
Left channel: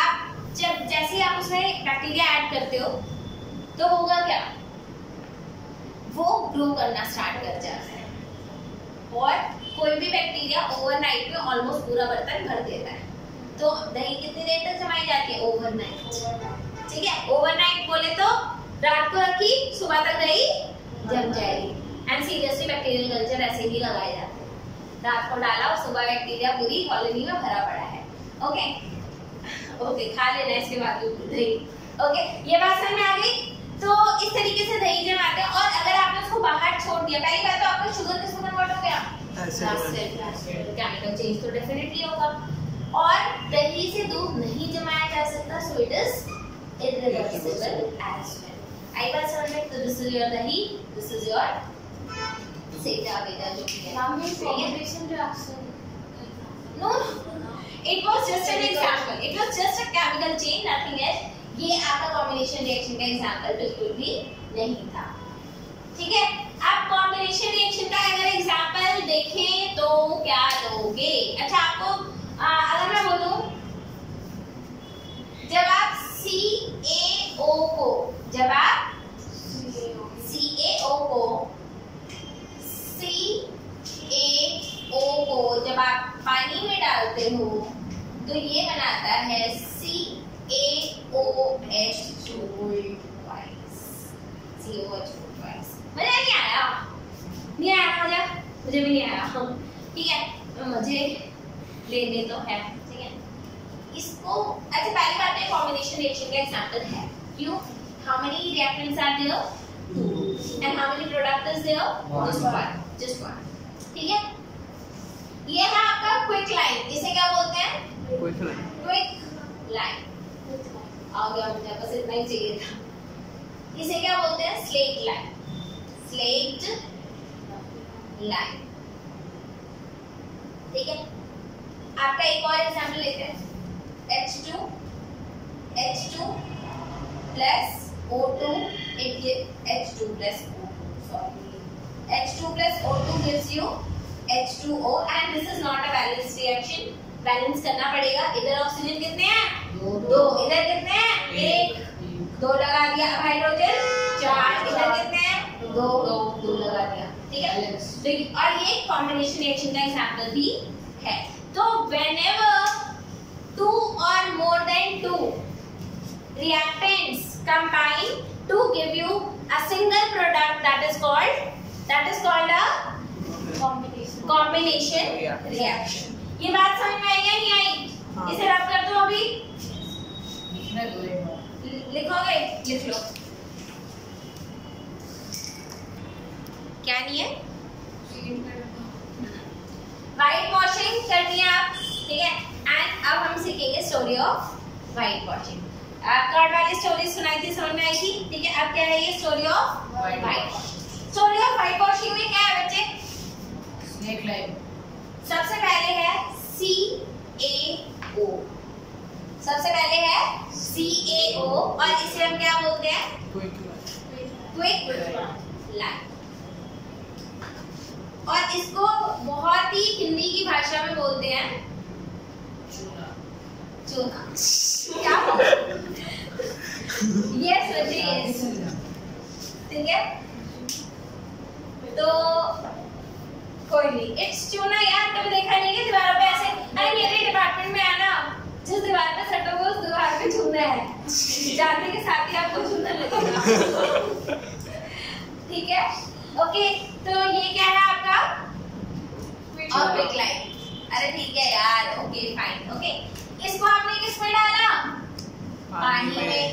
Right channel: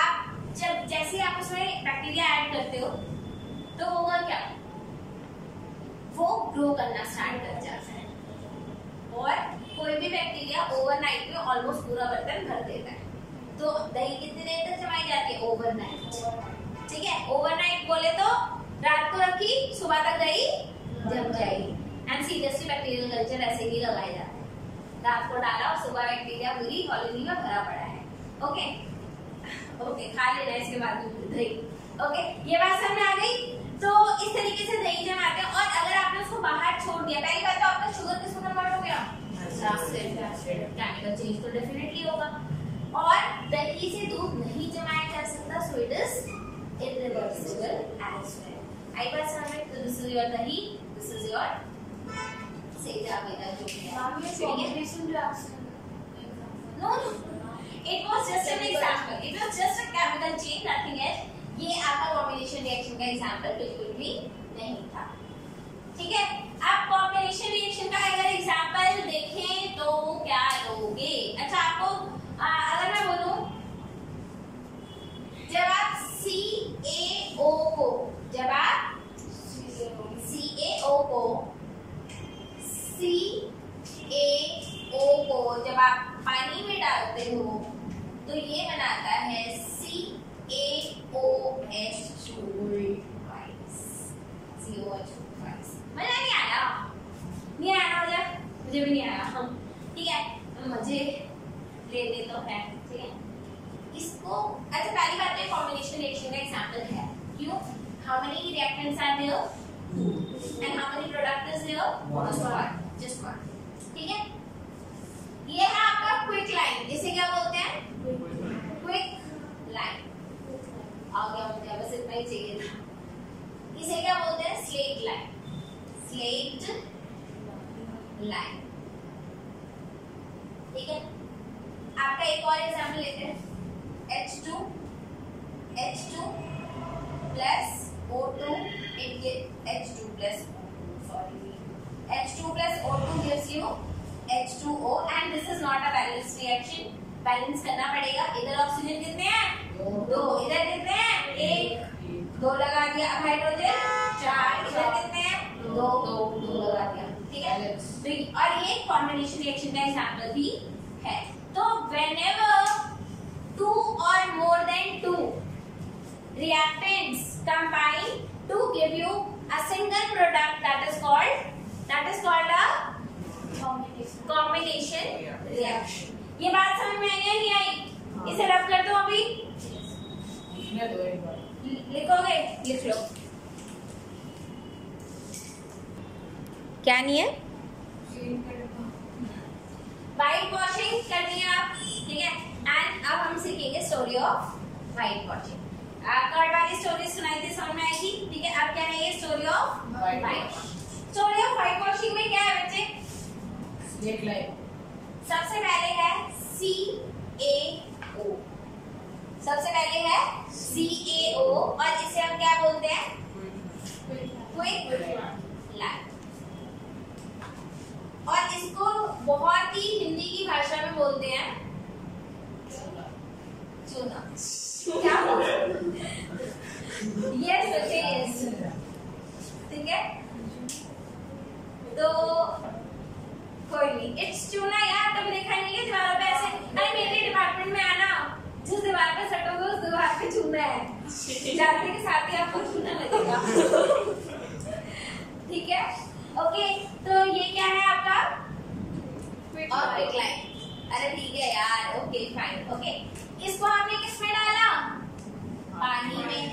आप जब जैसे आप उसमें बैक्टीरिया ऐड करते हो तो होगा क्या, वो ग्रो करना स्टार्ट कर जाता है और कोई भी बैक्टीरिया ओवरनाइट में ऑलमोस्ट पूरा बर्तन भर देता है। तो दही कितनी देर तक जमाई जाती है? ओवरनाइट, ठीक है। ओवरनाइट बोले तो रात को रखी, सुबह तक दही जम जाएगी। एंड सीरियसली बैक्टीरियल कल्चर ऐसे ही लगाए जाते हैं, रात को डाला और सुबह बैक्टीरिया पूरी कॉलोनी में भरा पड़ा है। ओके ओके, खा लेना इसके बाद दही। ओके, ये बात समझ में आ गई? तो इस तरीके से दही जमाते हैं। और अगर आपने उसको बाहर छोड़ दिया, पहली बात तो आपका शुगर किसमें कन्वर्ट हो गया? केमिकल चेंज तो डेफिनेटली होगा। और दही से दूध नहीं जमाया जा सकता, so it is irreversible as well. आई बात समझ में? तो this is your dahi, this is your सेजा वेजा जो भी है। Combination reaction no, it was just an example, it was just a chemical chain, nothing else। ये आपका कॉम्बिनेशन रिएक्शन का एग्जांपल बिल्कुल भी नहीं था, ठीक है। आप कॉम्बिनेशन रिएक्शन का अगर एग्जांपल देखें तो क्या लोगे? अच्छा, आपको अगर मैं बोलूं, जब आप CaO को, जब आप CaO को जब आप पानी में डालते हो तो ये बनाता है CaOH2। मजा नहीं आया? नहीं आया मजा? मुझे भी नहीं आया, ठीक है। मजे लेने तो है, ठीक है। इसको अच्छा, पहली बात तो कॉम्बिनेशन रिएक्शन का एग्जांपल है। क्यों? How many reactants are there? 2 and how many product is there? Just one, ठीक है। ये है आपका क्विक लाइन, इसे क्या बोलते हैं? Quick line. आ गया मुझे, बस इतना ही चाहिए था। इसे क्या बोलते हैं? स्लेट लाइन, स्लेट लाइन, ठीक है। आपका एक और एग्जांपल लेते हैं, H2 plus O2, it gives H2 plus O2, sorry, H2 plus O2 gives you H2O and this is not a balanced reaction। Balance करना पड़ेगा। इधर ऑक्सीजन कितने हैं? 2, इधर कितने हैं? 1, 2 लगा दिया। अब हाइड्रोजन 4, इधर कितने हैं? 2 लगा दिया, ठीक है। तो और ये कॉम्बिनेशन रिएक्शन का एग्जांपल भी है। तो whenever 2 or more than 2 reactants combine to give you a single product, that is called a combination reaction। ये बात समझ में आई या नहीं आई? इसे रब कर दो अभी, लिखोगे? लिख लो। क्या नहीं है? व्हाइट वॉशिंग करनी है आप, ठीक है। एंड अब हम सीखेंगे story of white washing. Curd वाली स्टोरी सुनाई थी, समझ में आई थी, ठीक है। अब क्या है ये story of white washing. Story of white washing में क्या है बच्चे? Snake line. सबसे पहले है CaO, सबसे पहले है CaO और इसे हम क्या बोलते हैं? Quick line. और इसको बहुत ही हिंदी की भाषा में बोलते हैं चूना। क्या बोलते? यस बच्चे, यस, ठीक है। तो कोई नहीं, इट्स चूना यार। कभी देखा नहीं है दीवारों पे ऐसे? अरे मेरे डिपार्टमेंट में आना, जिस दीवार पे सटोगे उस दीवार पे चूना है, जाते के साथ ही आपको चूना लगेगा, ठीक है। ओके, तो ये क्या है आपका? Quick line. अरे ठीक है यार, ओके फाइन, ओके। इसको आपने किस में डाला? पानी में।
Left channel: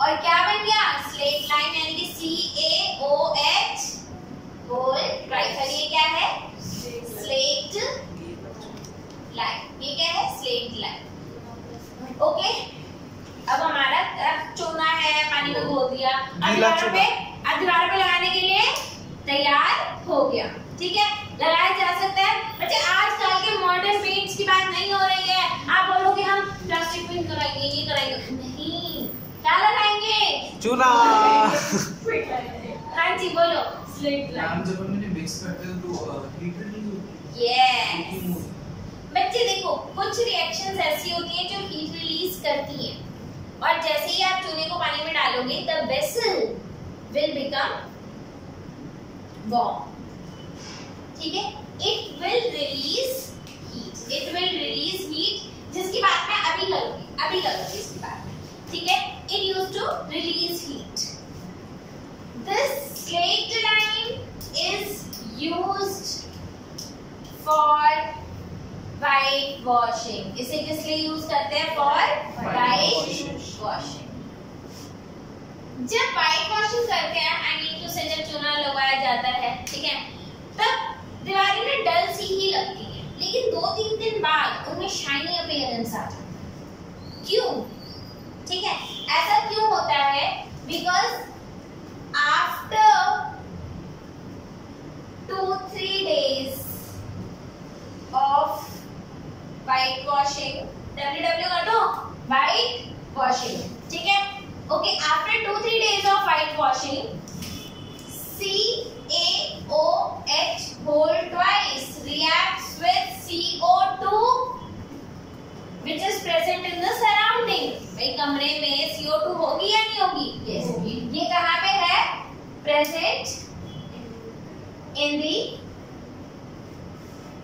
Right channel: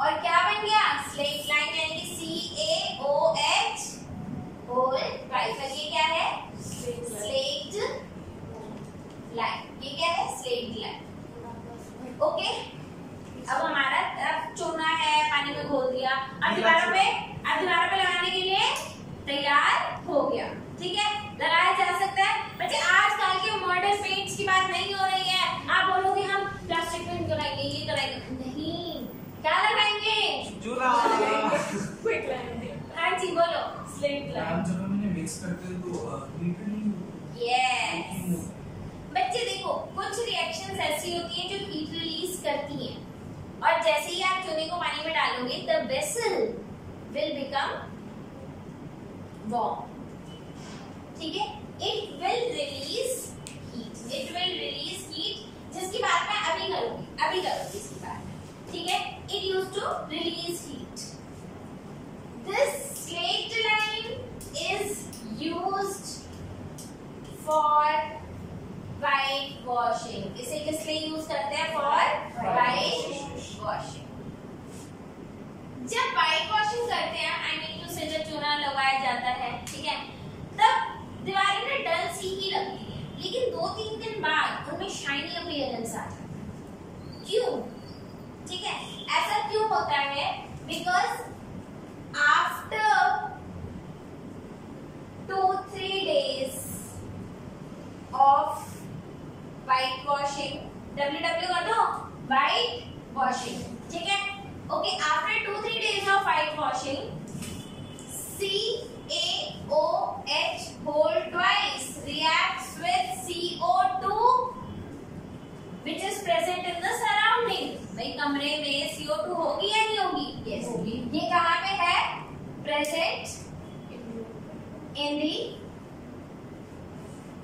और क्या बन गया? स्लेट लाइन, यानी कि CaOH होल ट्वाइस। और ये क्या है? Slaked lime. ये क्या है? Slaked lime, okay. अब हमारा चूना है, पानी में घोल दिया, अब दीवारों पे लगाने के लिए तैयार हो गया, ठीक है। लगाया जा सकता हाँ जी बोलो। स्लेट लाइन जब हम इन्हें मिक्स करते हैं तो हीट रिलीज होती है। यस बच्चे देखो कुछ रिएक्शंस ऐसी होती हैं जो हीट रिलीज करती हैं और जैसे ही आप चूने को पानी में डालोगे the vessel will become warm, ठीक है। It will release heat, it will release heat जिसकी बात मैं अभी करूंगी इसकी बात में, ठीक है। It used to release heat. This slaked lime is used for white washing. इसे किस लिए यूज करते हैं? For white washing. जब वाइट वॉशिंग करते हैं आई मीन टू से जब चूना लगाया जाता है, ठीक है, तब दीवारें ना डल सी ही लगती है, लेकिन 2-3 दिन बाद उनमें शाइनी अपीयरेंस आ जाता है। क्यों? ठीक है, ऐसा क्यों होता है? Because after 2-3 days of white washing, ww कर दो, white washing, ठीक है। Okay, after 2-3 days of white washing, CaOH whole twice reacts with CO2 which is present in the surrounding। भाई कमरे में CO2 होगी या नहीं होगी? Yes होगी। ये कहाँ पे है? Present in the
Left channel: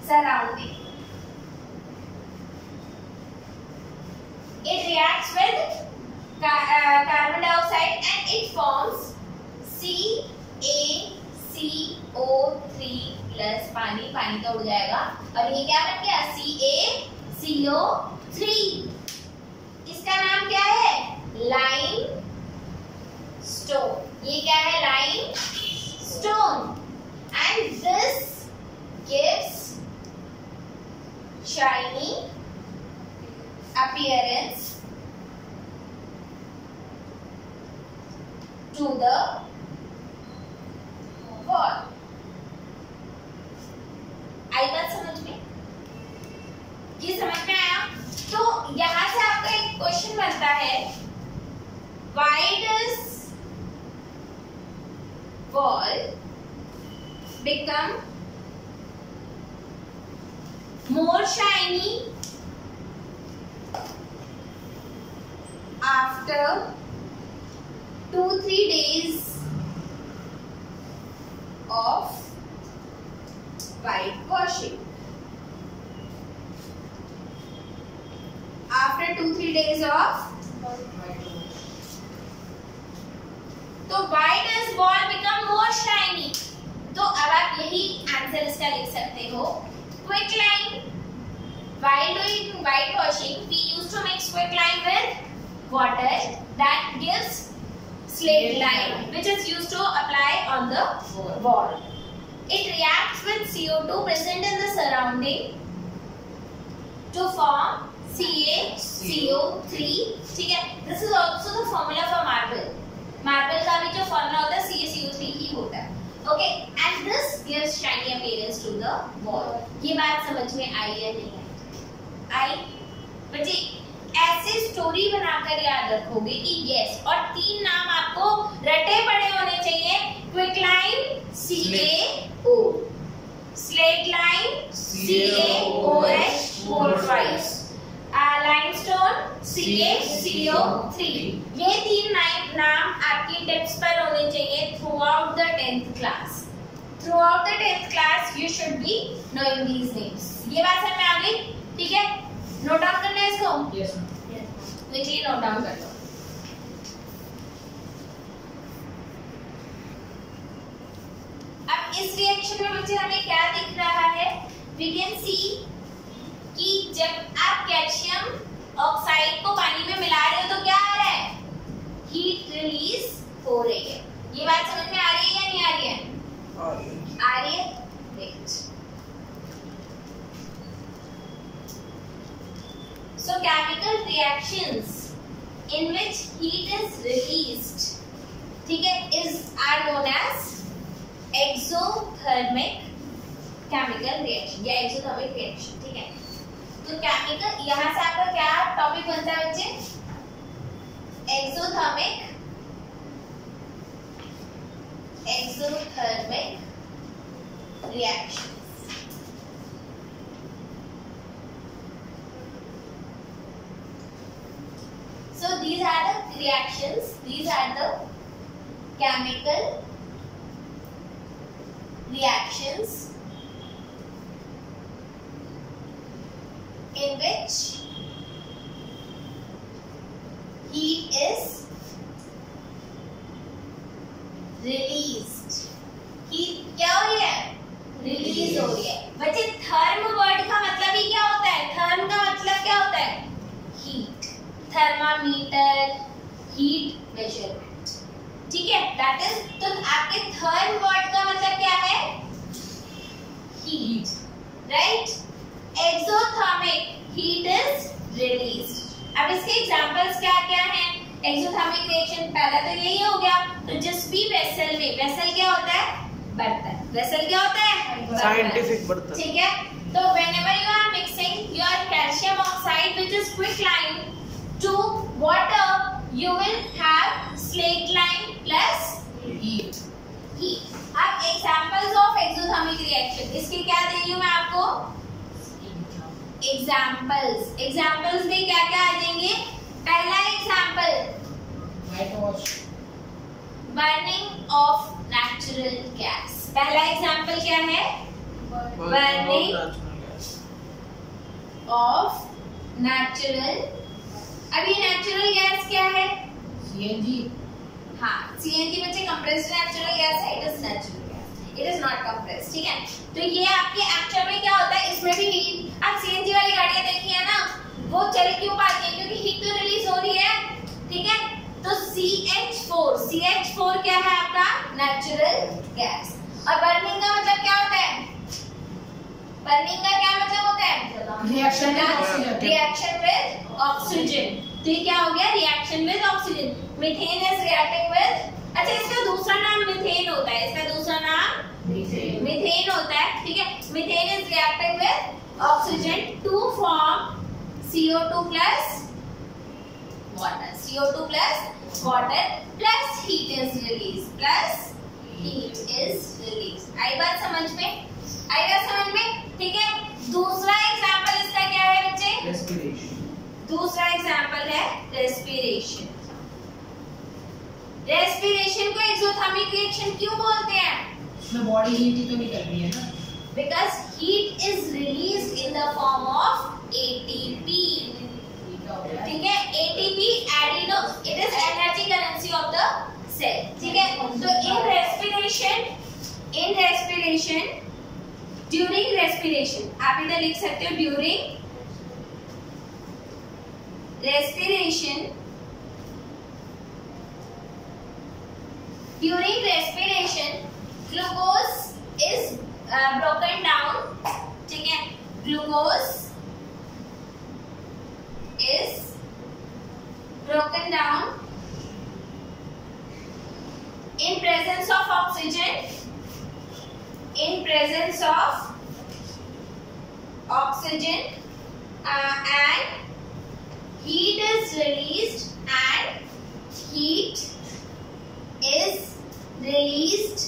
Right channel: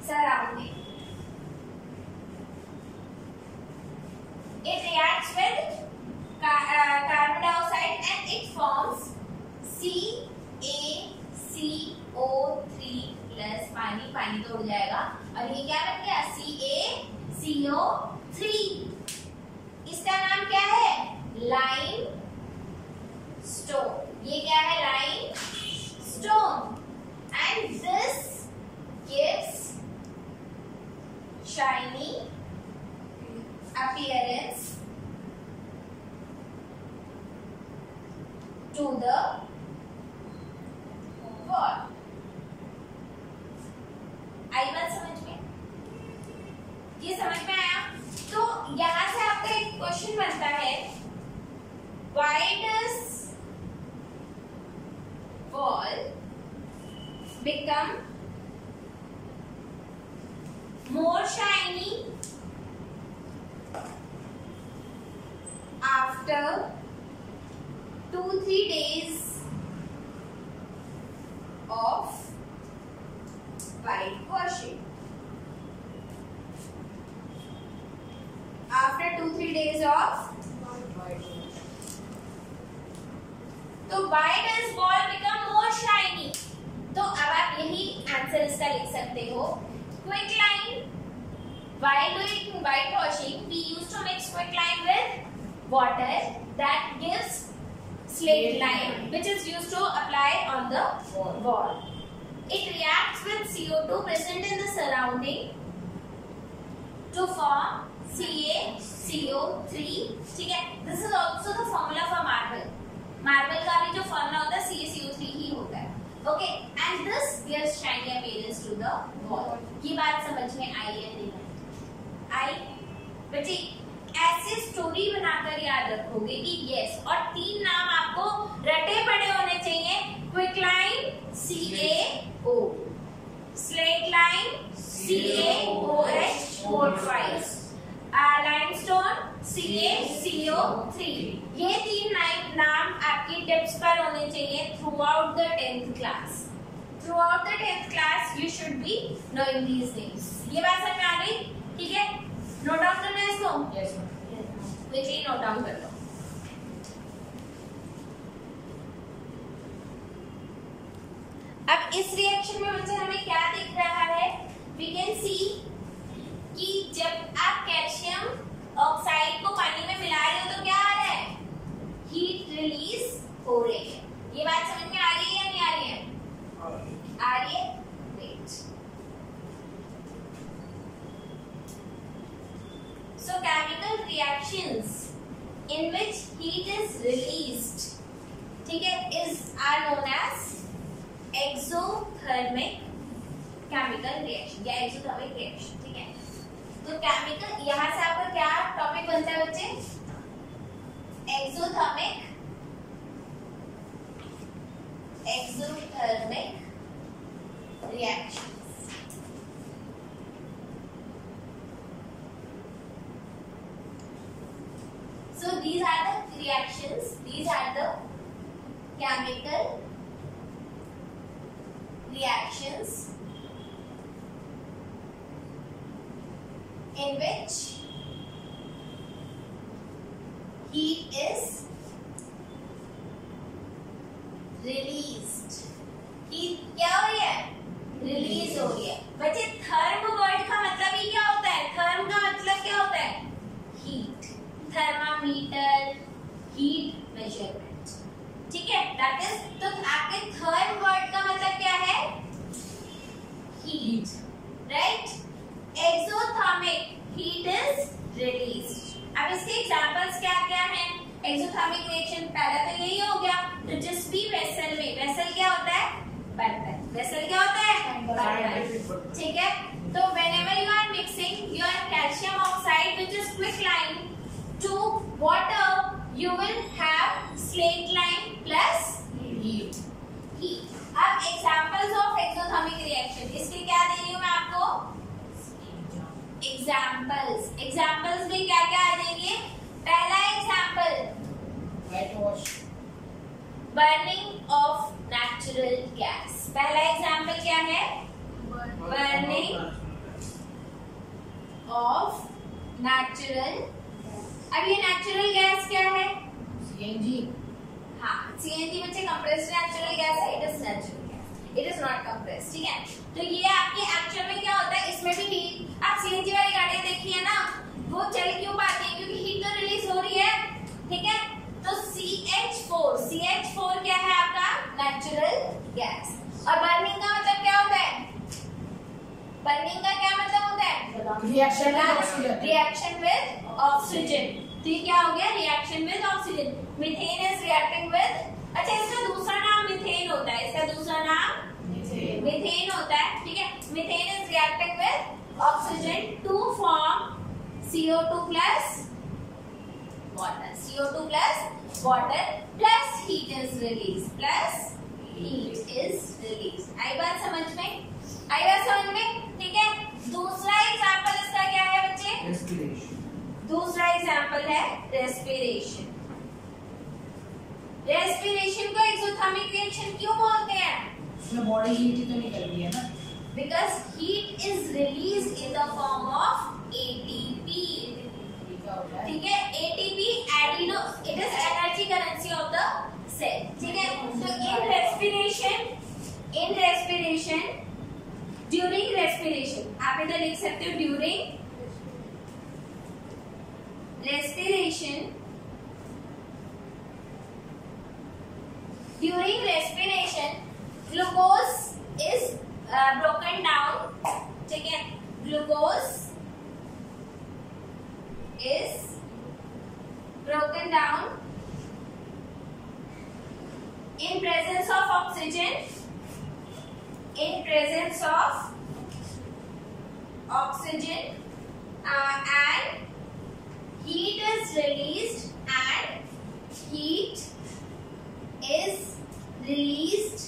surrounding। It reacts with carbon dioxide and it forms CaCO3 plus पानी तो उड़ जाएगा और ये क्या बन गया? CaCO3। इसका नाम क्या है? Lime stone. ये क्या है? Lime stone. And this gives shiny appearance to the wall। आई बात समझ में? ये समझ में आया? तो यहां से आपका एक क्वेश्चन बनता है, why does wall become more shiny after 2-3 days of white washing? After 2-3 days of, तो why does wall become more shiny? तो अब आप यही आंसर इसका लिख सकते हो। Quick line, while doing white washing we used to mix quick lime with water that gives slate lime which is used to apply on the wall। It reacts with CO2 present in the surrounding to form CaCO3, ठीक है। This is also the formula for marble। Marble का भी जो फॉर्मूला होता है CaCO3 ही होता है। Okay, and this gives shiny appearance to the wall. ये बात समझ में आई या नहीं आई? बच्चे ऐसे स्टोरी बनाकर याद रखोगे कि यस, और 3 नाम आपको रटे पड़े होने चाहिए। Quick lime CaO, slate lime CaOH whole twice, limestone CaCO3। ये 3 नाम आपकी टिप्स पर होने चाहिए through out the 10th class. Through out the 10th class you should be knowing these names. ये बात समझ में आ गई? ठीक है, नोट डाउन करना है इसको? Yes ma'am. Quickly note down कर लो। अब इस रिएक्शन में बच्चे हमें क्या दिख रहा है? वी कैन सी कि जब आप कैल्शियम ऑक्साइड को पानी में मिला रहे हो तो क्या आ रहा है? हीट रिलीज हो रही है। ये बात समझ में आ रही है या नहीं आ रही है? आ रही है। Great. So chemical reactions in which heat is released, ठीक है, are known as exothermic chemical reaction या exothermic reaction, ठीक है। तो केमिकल, यहाँ से आपका क्या टॉपिक बनता है बच्चे? Exothermic exothermic reactions. So these are the reactions, these are the chemical reactions in which heat is released. heat क्या हो रही है? रिलीज हो रही है. बच्चे थर्म वर्ड का मतलब ही क्या होता है? थर्म का मतलब क्या होता है? हीट. Thermometer, heat measurement. ठीक है, दैट इज. तो आपके थर्म वर्ड का मतलब क्या है? Heat, right? Exothermic, heat is released. अब इसके एग्जांपल्स क्या क्या हैं? एक्सोथर्मिक रिएक्शन पहला तो यही हो गया. तो जिस भी वेसल में, वेसल क्या होता है? बर्तन. वेसल क्या होता है? साइंटिफिक बर्तन. ठीक है. तो whenever you are mixing your calcium oxide which is quicklime to water, you will have slaked lime plus heat. heat. अब examples of exothermic reaction, इसके क्या दे रही हूँ मैं आपको? एग्जाम्पल्स में क्या क्या आ जाएंगे? पहला example, White wash. Burning of natural gas. पहला एग्जाम्पल क्या है? Burning of natural. अब ये नेचुरल गैस क्या है? CNG. हाँ, CNG बच्चे कंप्रेस्ड नेचुरल गैस है. It is natural gas, it is not compressed. ठीक है. तो ये आपके एक्चुअल में क्या होता है? इसमें भी हीट. आप CNG वाली गाड़ियां देखी है ना, वो चल क्यों पाती है? क्योंकि हीट तो रिलीज हो रही है. ठीक है. तो CH4 क्या है आपका? Natural gas. और बर्निंग का मतलब क्या होता है? बर्निंग का क्या मतलब होता है? Reaction with oxygen. Reaction with oxygen. तो ये क्या हो गया? Reaction with oxygen. Methane is reacting with, अच्छा इसका दूसरा नाम मीथेन होता है. इसका दूसरा नाम मीथेन होता है. ठीक है. Methane is reacting with oxygen to form CO2 plus water. CO2 plus water plus heat is released. Plus heat is released. आई बात समझ में? आई बात समझ में? ठीक है. दूसरा एग्जांपल इसका क्या है बच्चे? रेस्पिरेशन. दूसरा एग्जांपल है रेस्पिरेशन. रेस्पिरेशन को एक्सोथर्मिक रिएक्शन क्यों बोलते हैं? इसमें बॉडी हीट ही तो निकल रही है ना. Because heat is released in the form of ATP. ठीक है. ATP adeno, it is energy currency of the cell. ठीक है. तो in respiration, during respiration, आप इधर लिख सकते हो during respiration. During respiration, glucose is broken down. ठीक है. Glucose is broken down in presence of oxygen. In presence of oxygen, and heat is released, and heat is released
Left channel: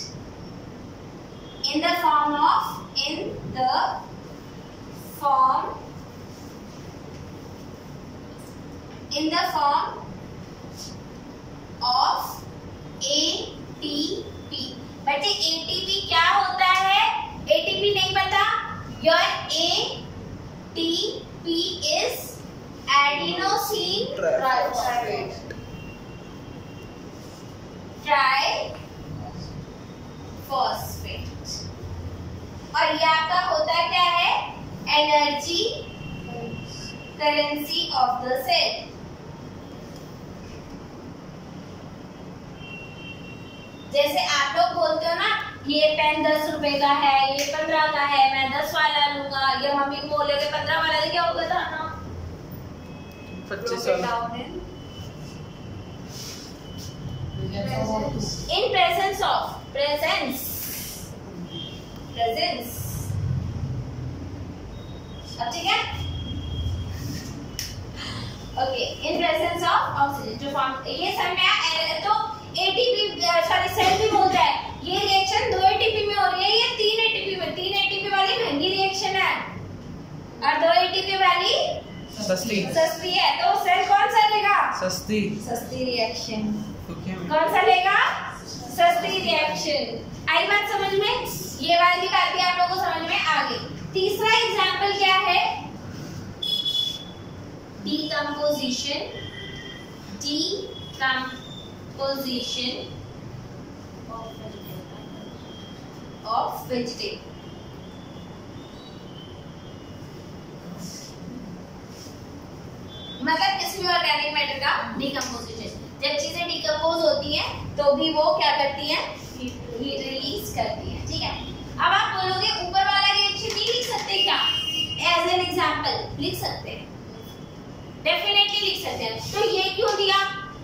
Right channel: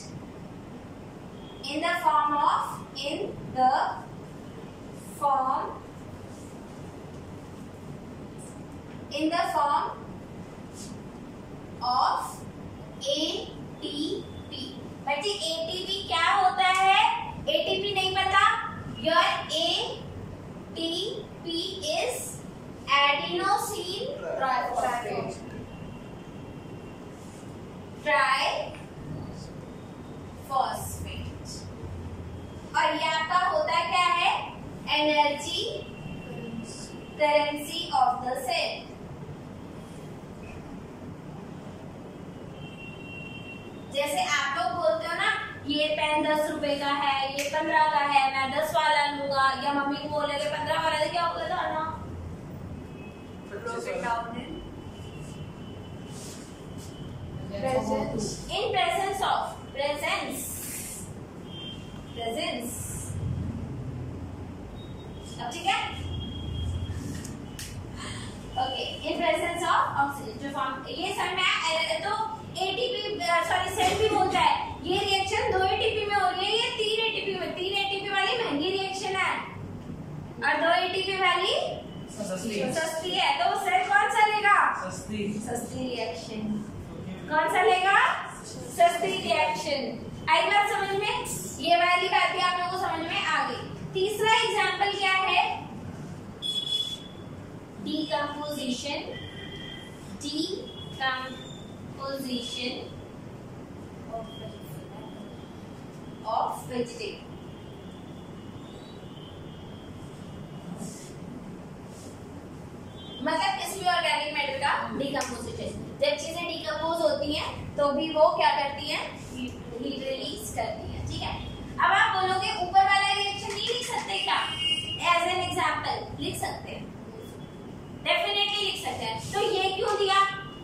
in the form of ATP. बच्चे ATP क्या होता है? ATP नहीं पता? Your ATP is adenosine triphosphate. और ये आपका होता क्या है? Energy currency of the cell. जैसे आप लोग बोलते हो ना, ये पेन 10 रुपए का है, ये 15 का है, मैं 10 वाला लूंगा, या मम्मी को बोलोगे 15 वाला दे, क्या होगा था ना? 25 In presence of अब ठीक है. Okay. In presence of oxygen जो फॉर्म, ये सब में तो ATP सॉरी सेल भी बोलता है ये रिएक्शन 2 एटीपी में हो रही है, ये 3 एटीपी में। 3 एटीपी वाली महंगी रिएक्शन है और 2 एटीपी वाली सस्ती है। तो सेल कौन सा लेगा? सस्ती रिएक्शन। कौन सा लेगा? सस्ती रिएक्शन। आई बात समझ में? ये वाली बात भी आप लोगों को समझ में आ गई। तीसरा एग्जांपल क्या है? Decomposition of vegetable। मतलब किसी भी ऑर्गेनिक मैटर का डीकंपोजिशन। जब चीजें डीकंपोज होती हैं तो भी वो क्या करती हैं? हीट रिलीज करती हैं। ठीक है, अब आप बोलोगे ऊपर वाला रिएक्शन नहीं लिख सकते क्या? एज एन एग्जांपल लिख सकते हैं, डेफिनेटली लिख सकते हैं। तो ये क्यों दिया?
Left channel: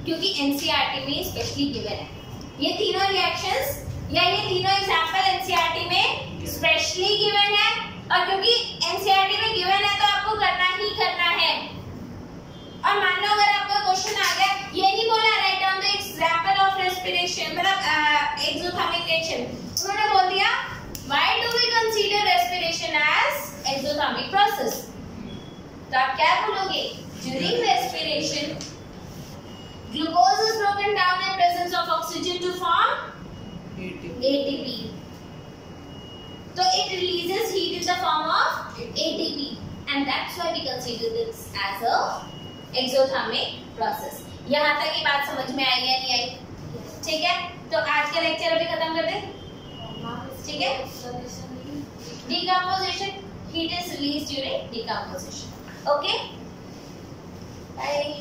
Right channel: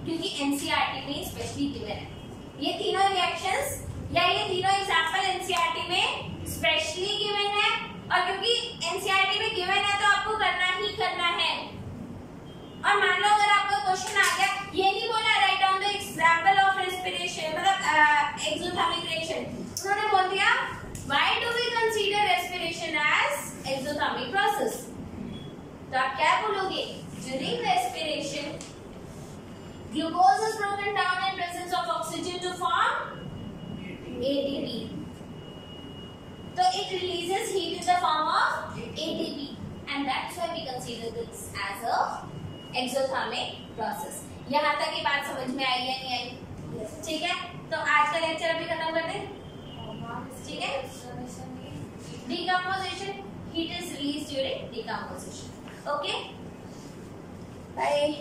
क्योंकि एनसीईआरटी में स्पेशली गिवन है ये तीनों रिएक्शंस या ये तीनों एग्जांपल एनसीईआरटी में स्पेशली गिवन है। और क्योंकि एनसीईआरटी में गिवन है तो आपको करना ही करना है। और मान लो अगर आपका क्वेश्चन आ गया, ये नहीं बोला write down the example of respiration मतलब एक्सोथर्मिक रिएक्शन, उन्होंने बोल दिया why do we consider respiration as exothermic process. तो आप क्या बोलोगे? During respiration glucose is broken down in presence of oxygen to form ATP. So it releases heat in the form of ATP and that's why we consider this as a exothermic process. यहाँ तक की बात समझ में आई या नहीं आई? ठीक है, तो आज का लेक्चर अभी खत्म कर दें। ठीक है, decomposition, heat is released during decomposition. Okay, bye.